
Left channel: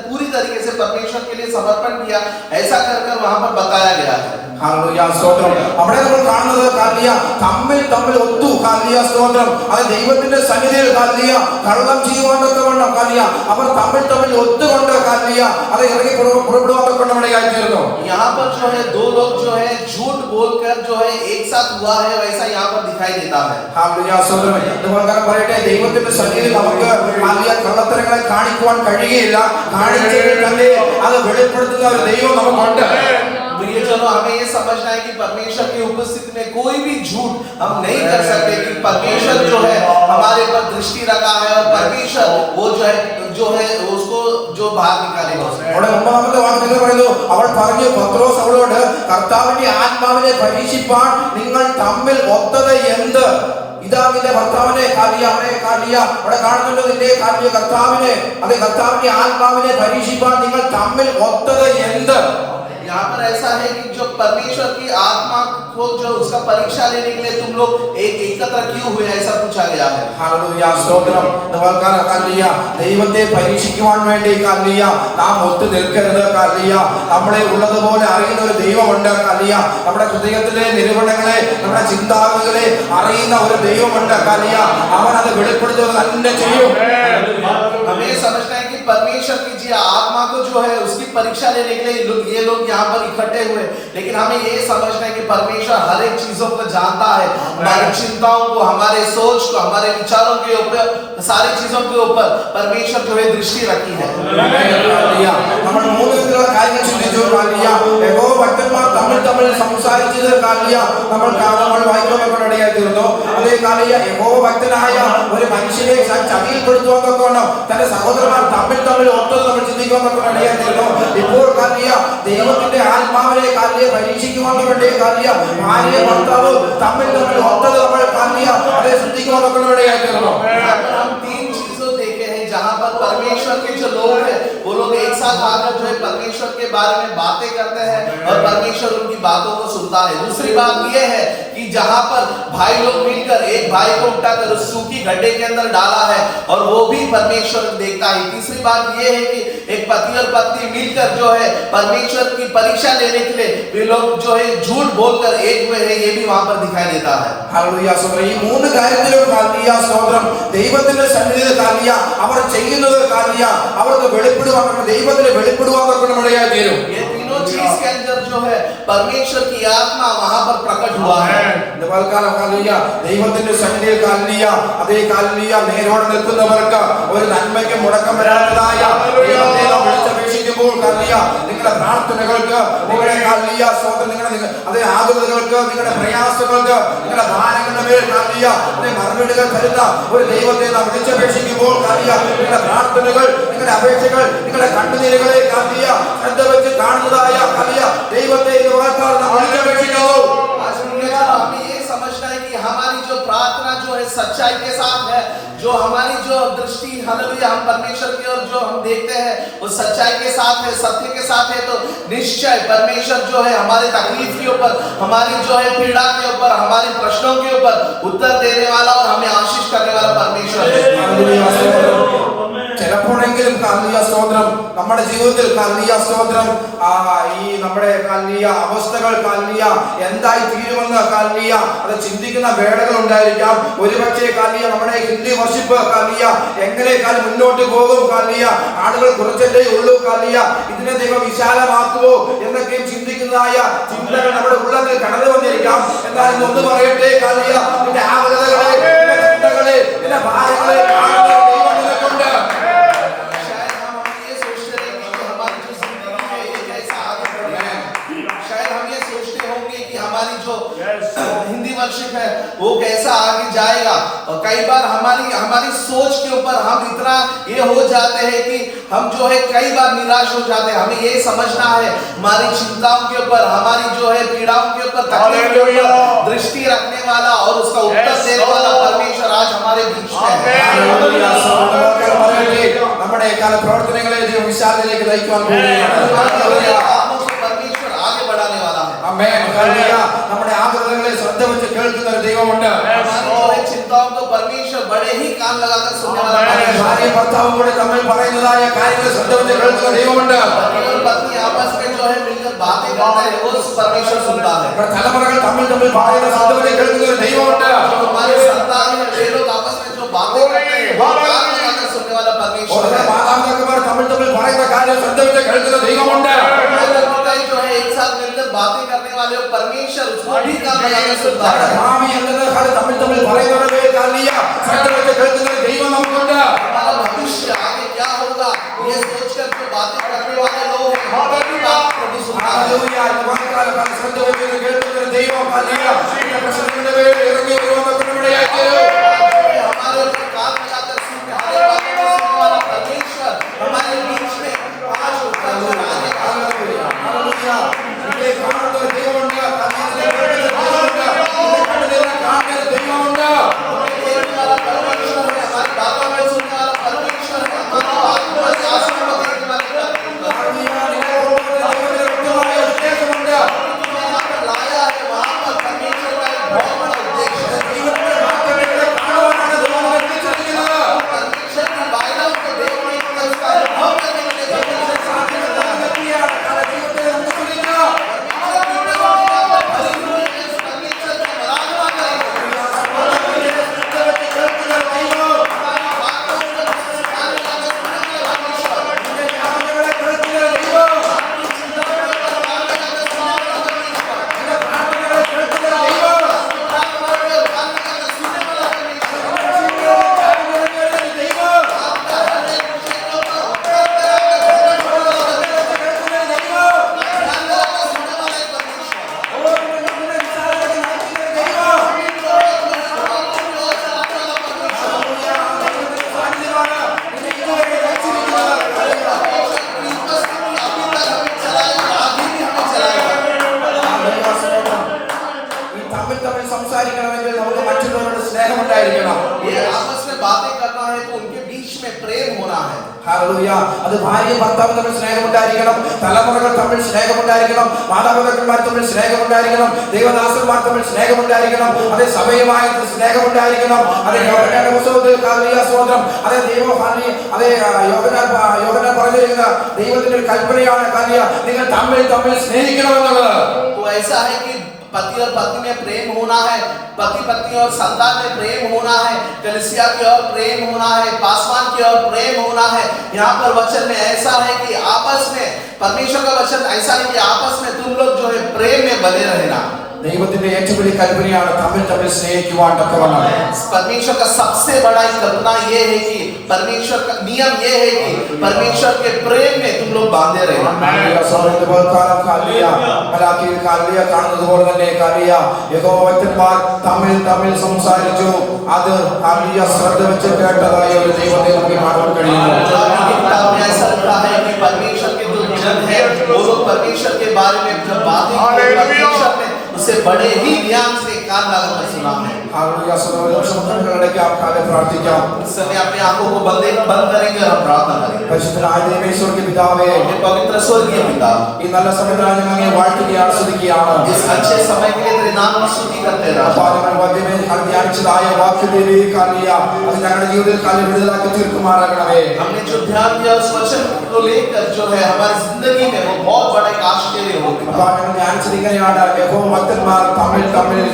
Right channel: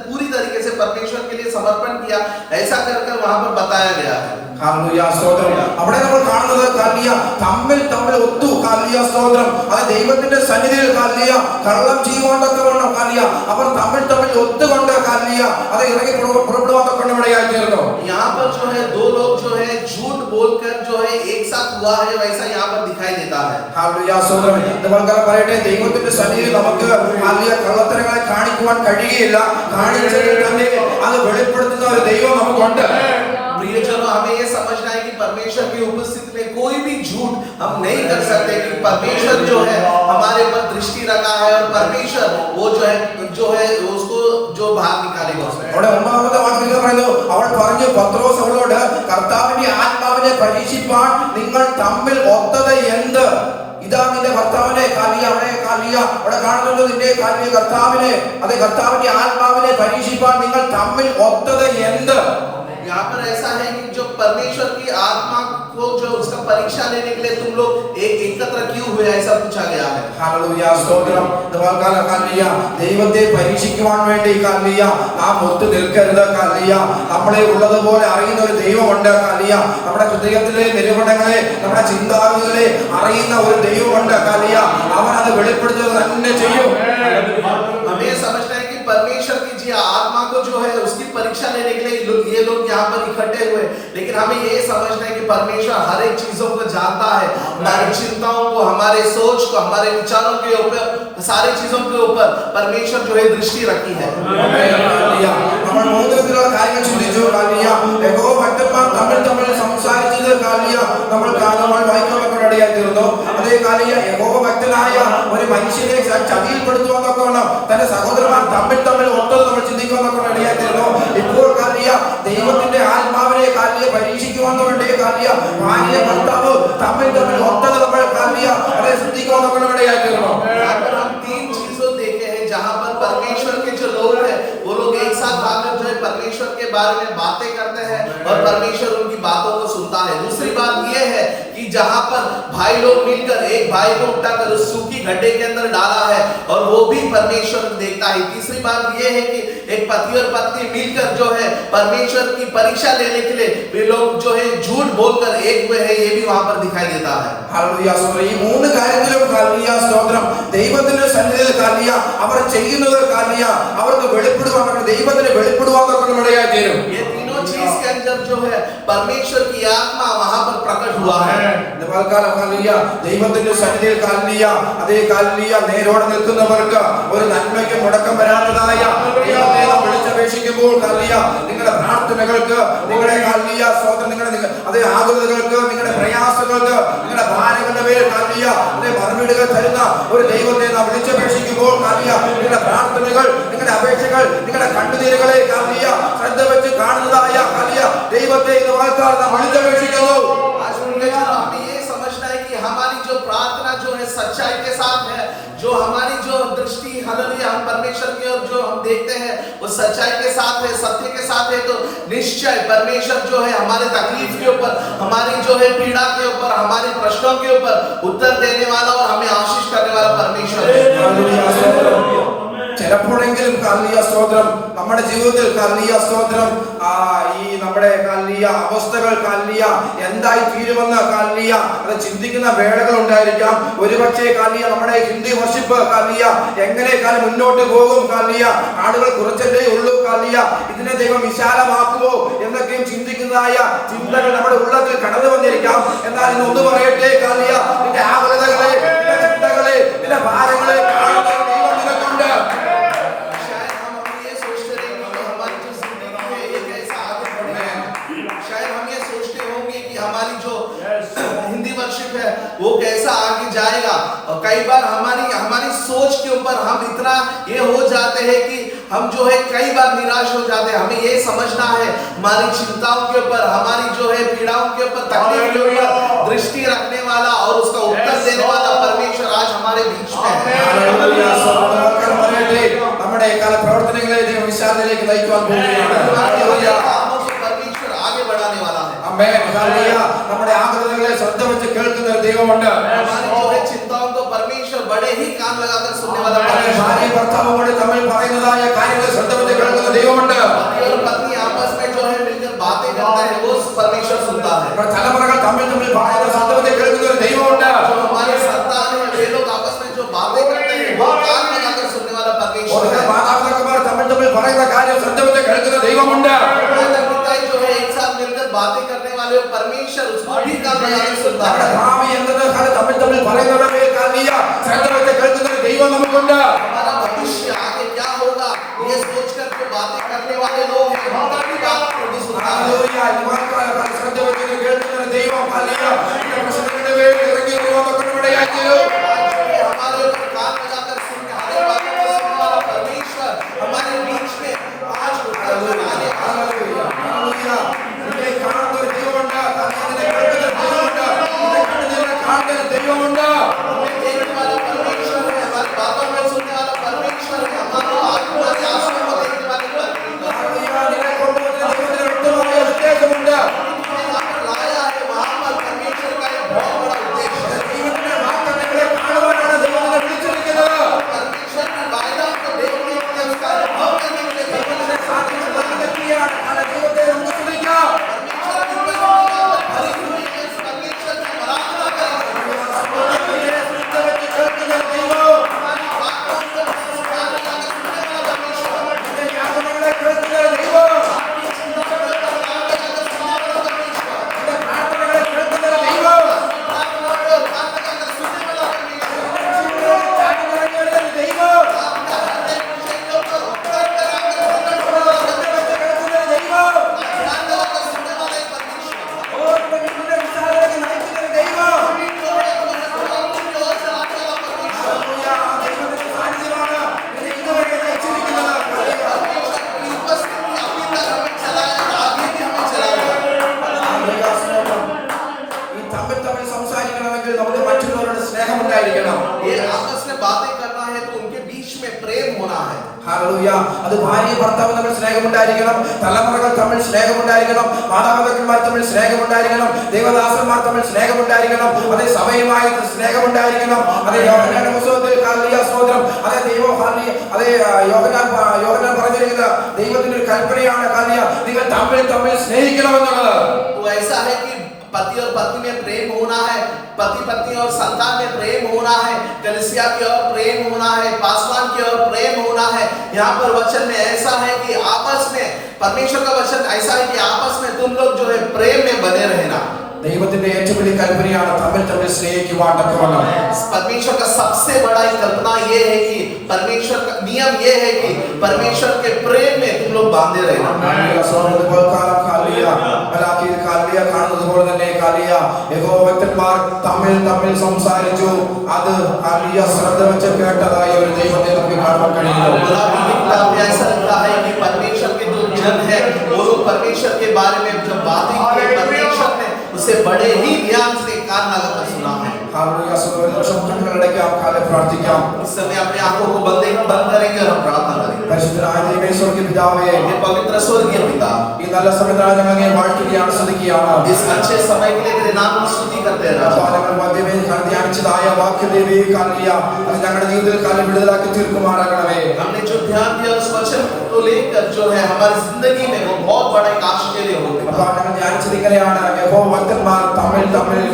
पूरी तरीके से परमेश्वर के लिए समर्पण किया, ऐसा कर वहां पर बताया गया है। ഹല്ലേലൂയ, സ്തോത്രം. അവിടെ നമ്മൾ കാണുന്നത് കാലിയ തമ്മിൽ ഒത്തു കാലിയ, സ്തോത്രം. അത് ദൈവത്തിന്റെ സന്നിധിയിൽ കാലിയ കള്ളം ചെയ്യുവാൻ തക്കവണ്ണം കാലിയ അവർ തമ്മിൽ ഒത്തുകൊണ്ട് കാലിയ അത് ഇറങ്ങി പുറപ്പെടുവാൻ തക്കവണ്ണം ഇടയായി തീർന്നു. यहाँ पर जो है दो लोग जो है झूठ बोलकर जो है एक साथ हुआ है, वैसा यहाँ पर दिखाई देता है। ഹല്ലേലൂയ, സ്തോത്രം. ഇതുപോലെ പറയട്ടെ, ദൈവത്തിന്റെ സന്നിധിയിൽ നമുക്ക് കാലിയ കള്ളത്തരങ്ങളെ കാണിക്കുവാൻ കഴിയുകയില്ല. കാണിച്ചെങ്കിൽ തന്നെ അത് വെളിപ്പെടുത്തുന്ന ഒരു ദൈവം നമുക്കുണ്ട്. प्रियजनों, हमें ये समझना है कि परमेश्वर की उपस्थिति में कोई भी झूठ हम नहीं कर सकते, कि परमेश्वर जो है हमारे पर दृष्टि रखा है और परमेश्वर वो जो है उसको जो बाहर निकालेगा उसमें। അവിടെ ഒന്നാമത്തെ വാക്യത്തിൽ പറയുന്നു, അവൾ പറഞ്ഞു പത്രോസ് അവളോട്, കർത്താവിന്റെ ആത്മാവിനെ പരീക്ഷിപ്പാൻ നിങ്ങൾ തമ്മിൽ ഒത്തത് എന്ത്? ഇതാ നിന്റെ ഭർത്താവിനെ കാലിയ അവനെ കാലിയ അവിടെ കാണുന്നുണ്ട്. നിന്റെ കാലിയ കർത്താവിനെ അതെ കർത്താവിന്റെ ആത്മാവിനെ പരീക്ഷിപ്പാൻ നിങ്ങൾ തമ്മിൽ ഒത്തത് എന്ത്? यहाँ पर ऐसा है कि जो परमेश्वर की आत्मा को जो उसका परीक्षा लेने के लिए तुम लोग एक एकत्र क्यों हुए, ऐसा पूछा गया है। ഹല്ലേലൂയ, സ്തോത്രം. നമുക്കറിയാം കാലിയ ദൈവത്തെ പരീക്ഷിക്കുവാൻ വേണ്ടി കാലിയ നാം ഒത്തു നിൽക്കരുത് കാലിയ. നമ്മളെ ഉള്ളതുപോലെ അറിയുന്ന ഒരു ദൈവമുണ്ട് കാലിയ. നമ്മുടെ ഹൃദയത്തിലെ നിരൂപണങ്ങളെ നമ്മുടെ ചിന്താഗതികളെ അറിയുന്ന ഒരു ദൈവമുണ്ട് കാലിയ. അവൻ അത് വെളിപ്പെടുത്തുക തന്നെ ചെയ്യും. हमें समझना है कि परमेश्वर की जी आत्मा को जो है उसकी परीक्षा लेने के लिए ये लोग यहाँ पर इकट्ठे हुए, लेकिन हमें ये समझना है कि परमेश्वर हर एक चीजों को जानता है, हमारी चिंताओं को, हमारे सोच को, हमारे विचारों के ऊपर, सारी चीजों के ऊपर परमेश्वर जो है दृष्टि रखी है। നമ്മൾ മൂന്ന് വിധത്തിലുള്ള കാര്യങ്ങൾ ചിന്തിച്ചു കാലിയ. യഹോവ ഭക്തന്മാർ തമ്മിൽ സംസാരിച്ചത് കാലിയ നമ്മൾ വായിക്കാൻ ഇടയായി തീർന്നു. അതേ കാലിയ യഹോവ ഭക്തനായ ഒരു മനുഷ്യനെ ചതിയിൽപ്പെടുത്തുവാൻ തക്കവണ്ണം തന്റെ സഹോദരന്മാർ തമ്മിൽ ഒത്തത് നമ്മൾ ചിന്തിക്കാൻ ഇടയായി തീർന്നു. ഇപ്പോൾ കാലിയ ദൈവത്തിന്റെ ആത്മാവിനെ കാലിയ പരീക്ഷിക്കുവാൻ വേണ്ടി കാലിയ ഭാര്യ ഭർത്താവ് തമ്മിൽ ഒത്തത് നമ്മൾ കാലിയ അതേ ചിന്തിക്കാൻ ഇടയായി തീർന്നു. हम तीन चीजों देखे हैं जहां पर परमेश्वर के जो लोग हैं वो लोग एक साथ आकर जो है परमेश्वर के बारे में बातें करते हैं और परमेश्वर उनकी बातों को सुनता है। दूसरी बात ये है कि जहां पर भाई लोग मिलकर एक भाई को उठाकर उस सूखी गड्ढे के अंदर डाला है और वो भी परमेश्वर देखता है। तीसरी बात ये है कि एक पति और पत्नी मिलकर जो है परमेश्वर की परीक्षा लेने के लिए वे लोग जो है झूठ बोलकर एक हुए हैं, ये भी वहां पर दिखाई देता है। ഹല്ലേലൂയ, സ്തോത്രം. ഈ മൂന്ന് കാര്യത്തിലും കാലിയ, സ്തോത്രം. ദൈവത്തിന്റെ സന്നിധിയിൽ കാലിയ അവർ ചെയ്യുന്നത് കാലിയ അവർക്ക് വെളിപ്പെടുവാൻ ദൈവത്തിന് വെളിപ്പെടുവാൻ ഇടയായി തീരും. ये तीनों चीज के अंदर जो है परमेश्वर की आत्मा वहां पर प्रकट हुआ है। കാലിയ ദൈവത്തിന്റെ സന്നിധിയിൽ കാലിയ അതേ കാലിയ നേരോടെ നിൽക്കുന്നവർക്ക് ഒരു നന്മയ്ക്ക് മുടക്കം വരാത്തതായ ദൈവത്തെ നാം വിളിച്ചപേക്ഷിക്കുമ്പോൾ കാലിയ നിങ്ങളുടെ പ്രാർത്ഥനകൾക്ക്, നിങ്ങളുടെ കാലിയ സ്തോത്രം, നിങ്ങളുടെ അതേ ആകുലതകൾക്ക്, നിങ്ങളുടെ പ്രയാസങ്ങൾക്ക്, നിങ്ങളുടെ ഭാരങ്ങളുടെ മേൽ കാലിയ അതേ മറുപടികൾ തരുന്ന ഒരു ദൈവത്തെ നാം വിളിച്ചപേക്ഷിക്കുമ്പോൾ കാലിയ നിങ്ങളുടെ പ്രാർത്ഥനകൾ, നിങ്ങളുടെ അപേക്ഷകൾ, നിങ്ങളുടെ കണ്ണുനീരുകളെ കാലിയ ശ്രദ്ധ വെച്ച് കാണുന്നതായ കാലിയ ദൈവത്തെ ഇന്ന് വാഴ്ത്താൻ നാം വിളിച്ചപേക്ഷിക്കുന്നു. आज हमें ये समझना है कि हमारी जो प्रार्थना जो है सच्चाई के साथ है, जो हमारी जो दृष्टि हालेलुया हम परमेश्वर की ओर जो हम देखते हैं वो सच्चाई के साथ है, सत्य के साथ है, तो निश्चय परमेश्वर जो है हमारे तकलीफ के ऊपर, हमारी जो है पीड़ा के ऊपर, हमारी प्रश्नों के ऊपर उत्तर देने वाला और हमें आशीष करने वाला परमेश्वर है। ചിലപ്പോഴെങ്കിലും കാലിയ സ്തോത്രം നമ്മുടെ ജീവിതത്തിൽ കാലിയ സ്തോത്രം ഈ നമ്മുടെ കാലിയ അവസ്ഥകൾ കാലിയ എന്തായി തീരുമെന്ന് കാലിയ അത് ചിന്തിക്കുന്ന വേളകൾ ഉണ്ടായിരിക്കാം. ഒരുപക്ഷെ കാലിയ നമ്മുടെ ഹിന്ദി വർഷിപ്പ് കാലിയ എങ്ങനെ കാലം മുന്നോട്ട് പോകും, കാലിയ ആളുകൾ കുറച്ചല്ലേ ഉള്ളൂ, കാലിയ ഇതിനെ ദൈവം വിശാലമാക്കുമോ എന്നൊക്കെയും ചിന്തിക്കുന്നതായ ചിന്തകൾ നമ്മുടെ ഉള്ളത്തിൽ കടന്നു വന്നിരിക്കാം. എന്നാൽ ഇന്നൊന്ന് പറയട്ടെ, കാലിയ നിന്റെ ആകുലതകളെ, നിന്റെ ചിന്തകളെ, നിന്റെ ഭാരങ്ങളെ കാണുന്ന ദൈവം നിനക്കുണ്ട്. शायद हम ये सोचते होंगे कि हमारी जो हिंदी वर्शिप है वो कैसा आगे जाएगा, और कई बार हमारी सोच के ऊपर हम इतना ये हो जाते हैं कि हम जो है कई बार निराश हो जाते हैं. हमें ये समझना है हमारी चिंताओं के ऊपर, हमारी जो है पीड़ाओं के ऊपर, तकलीफ के ऊपर दृष्टि रखने वाला और उसका उत्तर देने वाला परमेश्वर आज हमारे बीच में है. നമ്മുടെ കാല പ്രവർത്തനങ്ങളെ ദൈവം വിശാലതയിലേക്ക് നയിക്കുവാൻ പോവുകയാണ്. परमेश्वर आगे बढ़ाने वाला है. ആമേൻ. ഹല്ലേലൂയ. നമ്മുടെ ആഗ്രഹങ്ങളെ ശ്രദ്ധ വെച്ച് കേൾക്കുന്ന ഒരു ദൈവമുണ്ട്. हमारी जो है चिंताओं को परमेश्वर बड़े ही कान लगाकर सुनने वाला है. ഭാര്യ ഭർത്താവും കൂടെ തമ്മിൽ പറയുന്നതായ കാര്യങ്ങളെ ശ്രദ്ധ വെച്ച് കേൾക്കുന്ന ദൈവമുണ്ട്. पति और पत्नी आपस में जो है मिलकर बातें करते हैं वो परमेश्वर सुनता है. തലമുറകൾ തമ്മിൽ പറയുന്ന ശ്രദ്ധ വെച്ച് കേൾക്കുന്ന ഒരു ദൈവമുണ്ട്. जो हमारे संतान है वे लोग आपस में जो बातें करते हैं वो कान लगाकर सुनने वाला परमेश्वर है. മാതാപിതാക്കന്മാർ തമ്മിൽ പറയുന്ന കാര്യം ശ്രദ്ധ വെച്ച് കേൾക്കുന്ന ദൈവമുണ്ട്. जो है एक साथ मिलकर बातें करने वाले परमेश्वर उसको भी कान लगाकर सुनता है. ഭാവി എന്നത് തമ്മിൽ പറയുന്നവരെ കാലിയ ശ്രദ്ധ വെച്ച് കേൾക്കുന്ന ഒരു ദൈവം നമുക്കുണ്ട്. हमारा भविष्य आगे क्या होगा ये सोचकर जो बातें करने वाले लोग हैं उनका भी बात प्रभु सुनता है. ഹല്ലേലൂയ. ശ്രദ്ധ വെച്ച് കേൾക്കുന്ന ഒരു ദൈവം കാലിയ പ്രശ്നങ്ങളുടെ മേൽ ഇറങ്ങി വരുമെന്നൊക്കെ നമ്മുടെ ആചാരം. हमारे ऊपर कान लगाकर सुनने हमारे बातों को सुनने वाला परमेश्वर हमारे बीच में आज होकर आगे ഹല്ലേലൂയ. ഇതിനെ കാണുന്ന ഒരു ദൈവമുണ്ട്. ഇതിനെ കേൾക്കുന്ന ഒരു ദൈവമുണ്ട്. ഇതിനെ കണ്ടുനിന്ന് കാണുന്ന ഒരു ദൈവമുണ്ട്. हमें देखने वाला परमेश्वर है, हमारी बातों में सुनने वाला परमेश्वर है, हमारे आंसू को देखने वाले परमेश्वर है. ഇതിനെ കൊണ്ടുവന്ന ദൈവത്തിന് വ്യക്തമായ ഉദ്ദേശമുണ്ട്. यहाँ पर लाया है वहाँ पर परमेश्वर का एक बहुत बड़ा उद्देश्य है. ദൈവത്തിന്റെ വാഗ്ദത്തങ്ങളെ കാണുവാനാണ് ദൈവം നമ്മെ വിളിച്ചിരിക്കുന്നത്. परमेश्वर की वायदाओं को देखने के लिए उसका अनुभव करने के लिए परमेश्वर സാധ്യതയുള്ള വ്യക്തിയാണ്. കാരണം ദൈവത്തെ നമുക്ക് തുതിക്കാം. परमेश्वर की प्रतिज्ञा में भरी हुई है. इस परमेश्वर की आराधना करें. ശ്രദ്ധ വെച്ച് കേൾക്കുന്ന ദൈവം. हमारी बातों को कान लगाकर सुनने वाला परमेश्वर. ഇതിന്റെ യാതനകളെ കേൾക്കുന്ന ദൈവം. ഇതിന്റെ പ്രാർത്ഥനകളെ കേൾക്കുന്ന ദൈവം. തമ്മിൽ സംസാരിക്കണമെങ്കിൽ നമുക്ക് മറ്റുള്ളവരുടെ സ്നേഹമുണ്ടായിരിക്കണം. ये आपस में बातें करना है तो उनके बीच में प्रेम होना है. ഹല്ലേലൂയ. അത് ഭാര്യ ഭർത്താവ് തമ്മിൽ സ്നേഹമുണ്ടായിരിക്കണം, തലമുറകൾ തമ്മിൽ സ്നേഹമുണ്ടായിരിക്കണം, മാതാപിതാക്കന്മാർ തമ്മിൽ സ്നേഹമുണ്ടായിരിക്കണം, ദൈവദാസന്മാർ തമ്മിൽ സ്നേഹമുണ്ടായിരിക്കണം, അതേ സഭയുമായി സ്നേഹമുണ്ടായിരിക്കണം. അതേ യോഹന്നാന്റെ പുസ്തകത്തിൽ ഹല്ലേലൂയ സ്തോത്രം. അതേ ദൈവം അതേ യോഹന്നാൻ പറഞ്ഞിരിക്കുന്ന ദൈവത്തിന്റെ ഒരു കൽപ്പനയാണ് ഹല്ലേലൂയ, നിങ്ങൾ തമ്മിൽ സ്നേഹിക്കണമെന്നുള്ളത്. तो ऐसा है कि पति और पत्नी में प्रेम होना है, पति पत्नी और संतान में प्रेम होना है, कलीसिया की ओर प्रेम होना है, पासवान की ओर प्रेम होना है. यहाँ पर वचन में ऐसा है कि आपस में परमेश्वर का वचन ऐसा है कि आपस में तुम लोग जो है प्रेम में बने रहना. ദൈവത്തിന്റെ ഏറ്റവും വലിയ കൽപ്പനയാണ് തമ്മിൽ സ്നേഹിക്കുവാൻ തക്കവണ്ണം. परमेश्वर का सबसे बड़ा कल्पना ये है कि परमेश्वर का नियम ये है कि परमेश्वर के प्रेम में तुम लोग बांधे रहना. കാണുന്നത് പോലെ തന്നെ യഹോവ്യന്മാർ തമ്മിൽ സംസാരിച്ചു. അത് ശ്രദ്ധ വെച്ച് കേട്ടതായ ഒരു ദൈവത്തെ നമുക്ക് കാണാൻ കഴിയുന്നു. ऐसा लगता है कि परमेश्वर के जो जन है वो लोग परमेश्वर के बारे में जब बातें की परमेश्वर ने उसे बड़े ही ध्यान से कान लगाकर सुना है. हालेलुया सर्वोच्च कन्नडಕ್ಕೆ आप काले प्रार्थിക്കാം इस समय अपने आंखों को बंद करेंगे और हम प्रार्थना करेंगे। പരിശുദ്ധനായ ദൈവമേ സ്വർഗ്ഗീയ പിതാവേ हे पवित्र स्वर्गीय पिता, ഈ നല്ല സമയത്താണ് ഞങ്ങൾ അങ്ങയെ വാഴ്ത്തുകയും ആസ്വദിക്കുകയാണ് इस अच्छे समय के लिए तेरे नाम की स्तुति करते हैं राजा। ധ്യാനിച്ചതായ വാക്യദേവി കാലിയ അത് ഞങ്ങളുടെ ജീവിതത്തിൽ കാലം വിടുതലാക്കി തീർക്കുമാറാകണമേ हमने जो ध्यान दिया उस वचन को लेकर जो है हमारी जिंदगी में वो बहुत बड़े काश के लिए हो। അപ്പോൾ ഞങ്ങൾ ധ്യാനിച്ചത് ഇങ്ങനെയാണ് യഹോവ ഭക്തന്മാർ തമ്മിൽ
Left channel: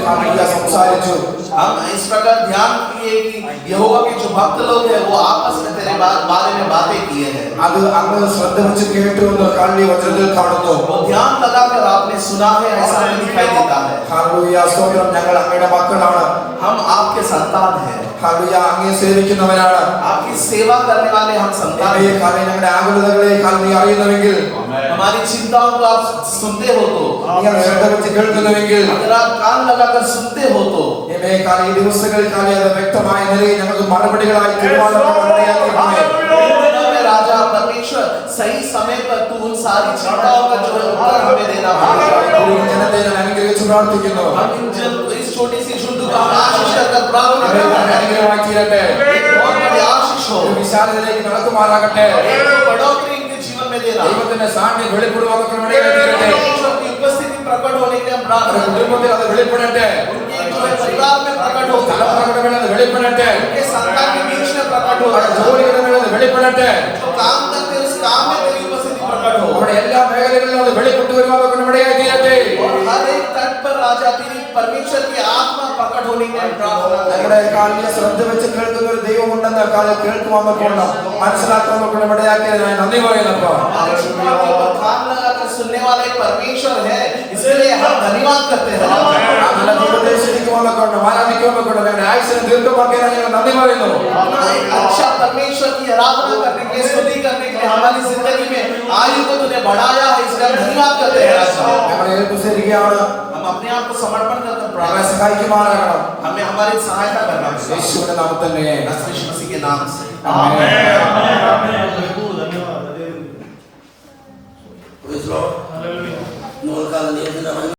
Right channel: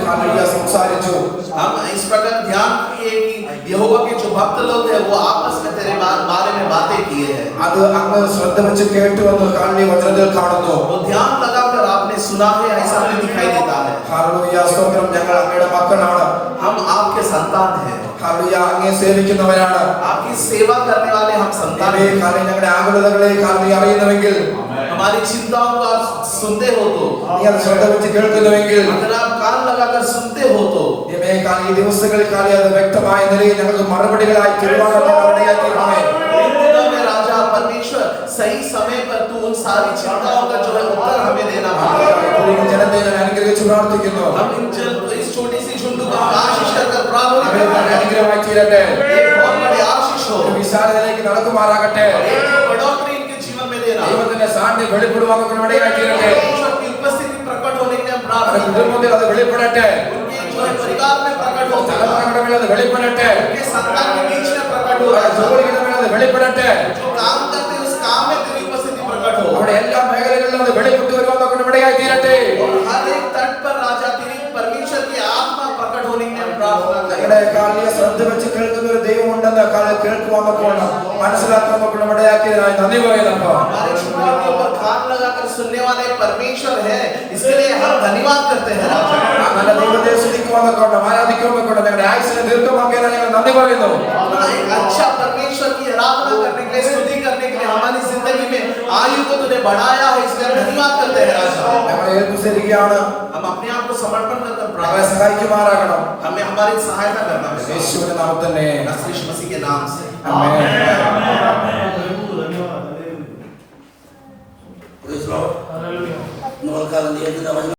കാലിയ സംസാരിച്ചു हम इस प्रकार ध्यान किए कि यहोवा के जो भक्त लोग हैं वो आपस में तेरे बारे में बातें किए हैं। അത് അങ്ങ് ശ്രദ്ധ വെച്ച് കേട്ടു എന്ന് കാലിയ വചനത്തിൽ കാണുന്നു वो ध्यान लगाकर आपने सुना है ऐसा हमें दिखाई देता है। ഹല്ലേലൂയ സ്തോത്രം ഞങ്ങൾ അങ്ങയുടെ മക്കളാണ് हम आपके संतान हैं, ഹല്ലേലൂയ അങ്ങയെ സേവിക്കുന്നവരാണ് आपकी सेवा करने वाले हम संतान ഈ हैं। കാലിയ ഞങ്ങളുടെ ആകുലതകളെ കാലിയ അറിയുന്നുവെങ്കിൽ हमारी चिंताओं को आप सुनते हो तो, നിങ്ങൾ ശ്രദ്ധ വെച്ച് കേൾക്കുന്നുവെങ്കിൽ अगर आप कान लगाकर सुनते हो तो ഈ ദിവസങ്ങളിൽ കാലിയ അത് വ്യക്തമായ നിലയിൽ ഞങ്ങൾക്ക് മറുപടികളായി തിരുവാനുള്ള കരുണയാക്കിയിട്ടുണ്ട് इन दिनों में राजा परमेश्वर सही समय पर तू उन सारी चिंताओं का जो उत्तर हमें देना पड़ेगा। ഈ ജനത്തെ ഞാൻ അനുഗ്രഹിച്ച് പ്രാർത്ഥിക്കുന്നു हम इस छोटी सी झुंड को हम आशीष कर प्रार्थना അവരെ करते हैं। അനുഗ്രഹമായി തീരട്ടെ एक बहुत बड़ी आशीष हो, ഒരു വിശാലതയിലേക്ക് നടക്കുമാറാകട്ടെ एक बढ़ोतरी इनके जीवन में देना। ദൈവത്തിന്റെ സാന്നിധ്യം വെളിപ്പെടുവാൻ ഇടയായി തീരട്ടെ परमेश्वर की उपस्थिति प्रकट होने के लिए हम അവരുടെ प्रार्थना करते കുടുംബത്തിൽ അത് വെളിപ്പെടട്ടെ हैं। उनके जो है परिवार में प्रकट होता है, തലമുറകളുടെ അത് വെളിപ്പെടട്ടെ उनके संतान के बीच में प्रकट അവരുടെ होता है। ജോലിയുടെ മേൽ അത് വെളിപ്പെടട്ടെ जो काम करते हैं उस काम में तेरी उपस्थिति प्रकट हो, അവിടെ എല്ലാ മേഖലകളിലും അത് വെളിപ്പെട്ടു വരുവാൻ ഇടയായി തീരട്ടെ और हर एक तट पर राजा तेरी परमेश्वर की आत्मा प्रकट होने के लिए हम प्रार्थना करें। ഞങ്ങളുടെ കാലിയ ശ്രദ്ധ വെച്ച് കേൾക്കുന്ന ഒരു ദൈവമുണ്ടെന്ന് കാലിൽ കേൾക്കുവാന്നപ്പോൾ മനസ്സിലാക്കാൻ ഇടയാക്കിയതിനായി നന്ദി പറയുന്നപ്പോ हमारे चिंताओं के ऊपर कान लगाकर सुनने वाले परमेश्वर है, इसके लिए हम धन्यवाद करते हैं राजा। നല്ല ജീവിതത്തിലേക്ക് ആരാധിക്കുമ്പോൾ ഞങ്ങളുടെ ആയുസിനെ ദീർഘമാക്കിയതിനായി ഞങ്ങൾ നന്ദി പറയുന്നു अपना एक अच्छा परमेश्वर की आराधना करने के लिए, स्तुति करने के लिए हमारी जिंदगी में आयु को तूने बढ़ाया है, इसलिए हम धन्यवाद करते हैं राजा। ഞങ്ങളെ ഏൽപ്പിച്ചിരിക്കുകയാണ് हम अपने आप को समर्पण कर ഞങ്ങളെ प्रार्थना, സഹായിക്കുമാറാകണം हमें हमारी सहायता करना है യേശുവിന്റെ നാമത്തിൽ തന്നെ यीशु मसीह के नाम से। ആമേൻ Praise the Lord. Mengucapkan dia tidak banyak.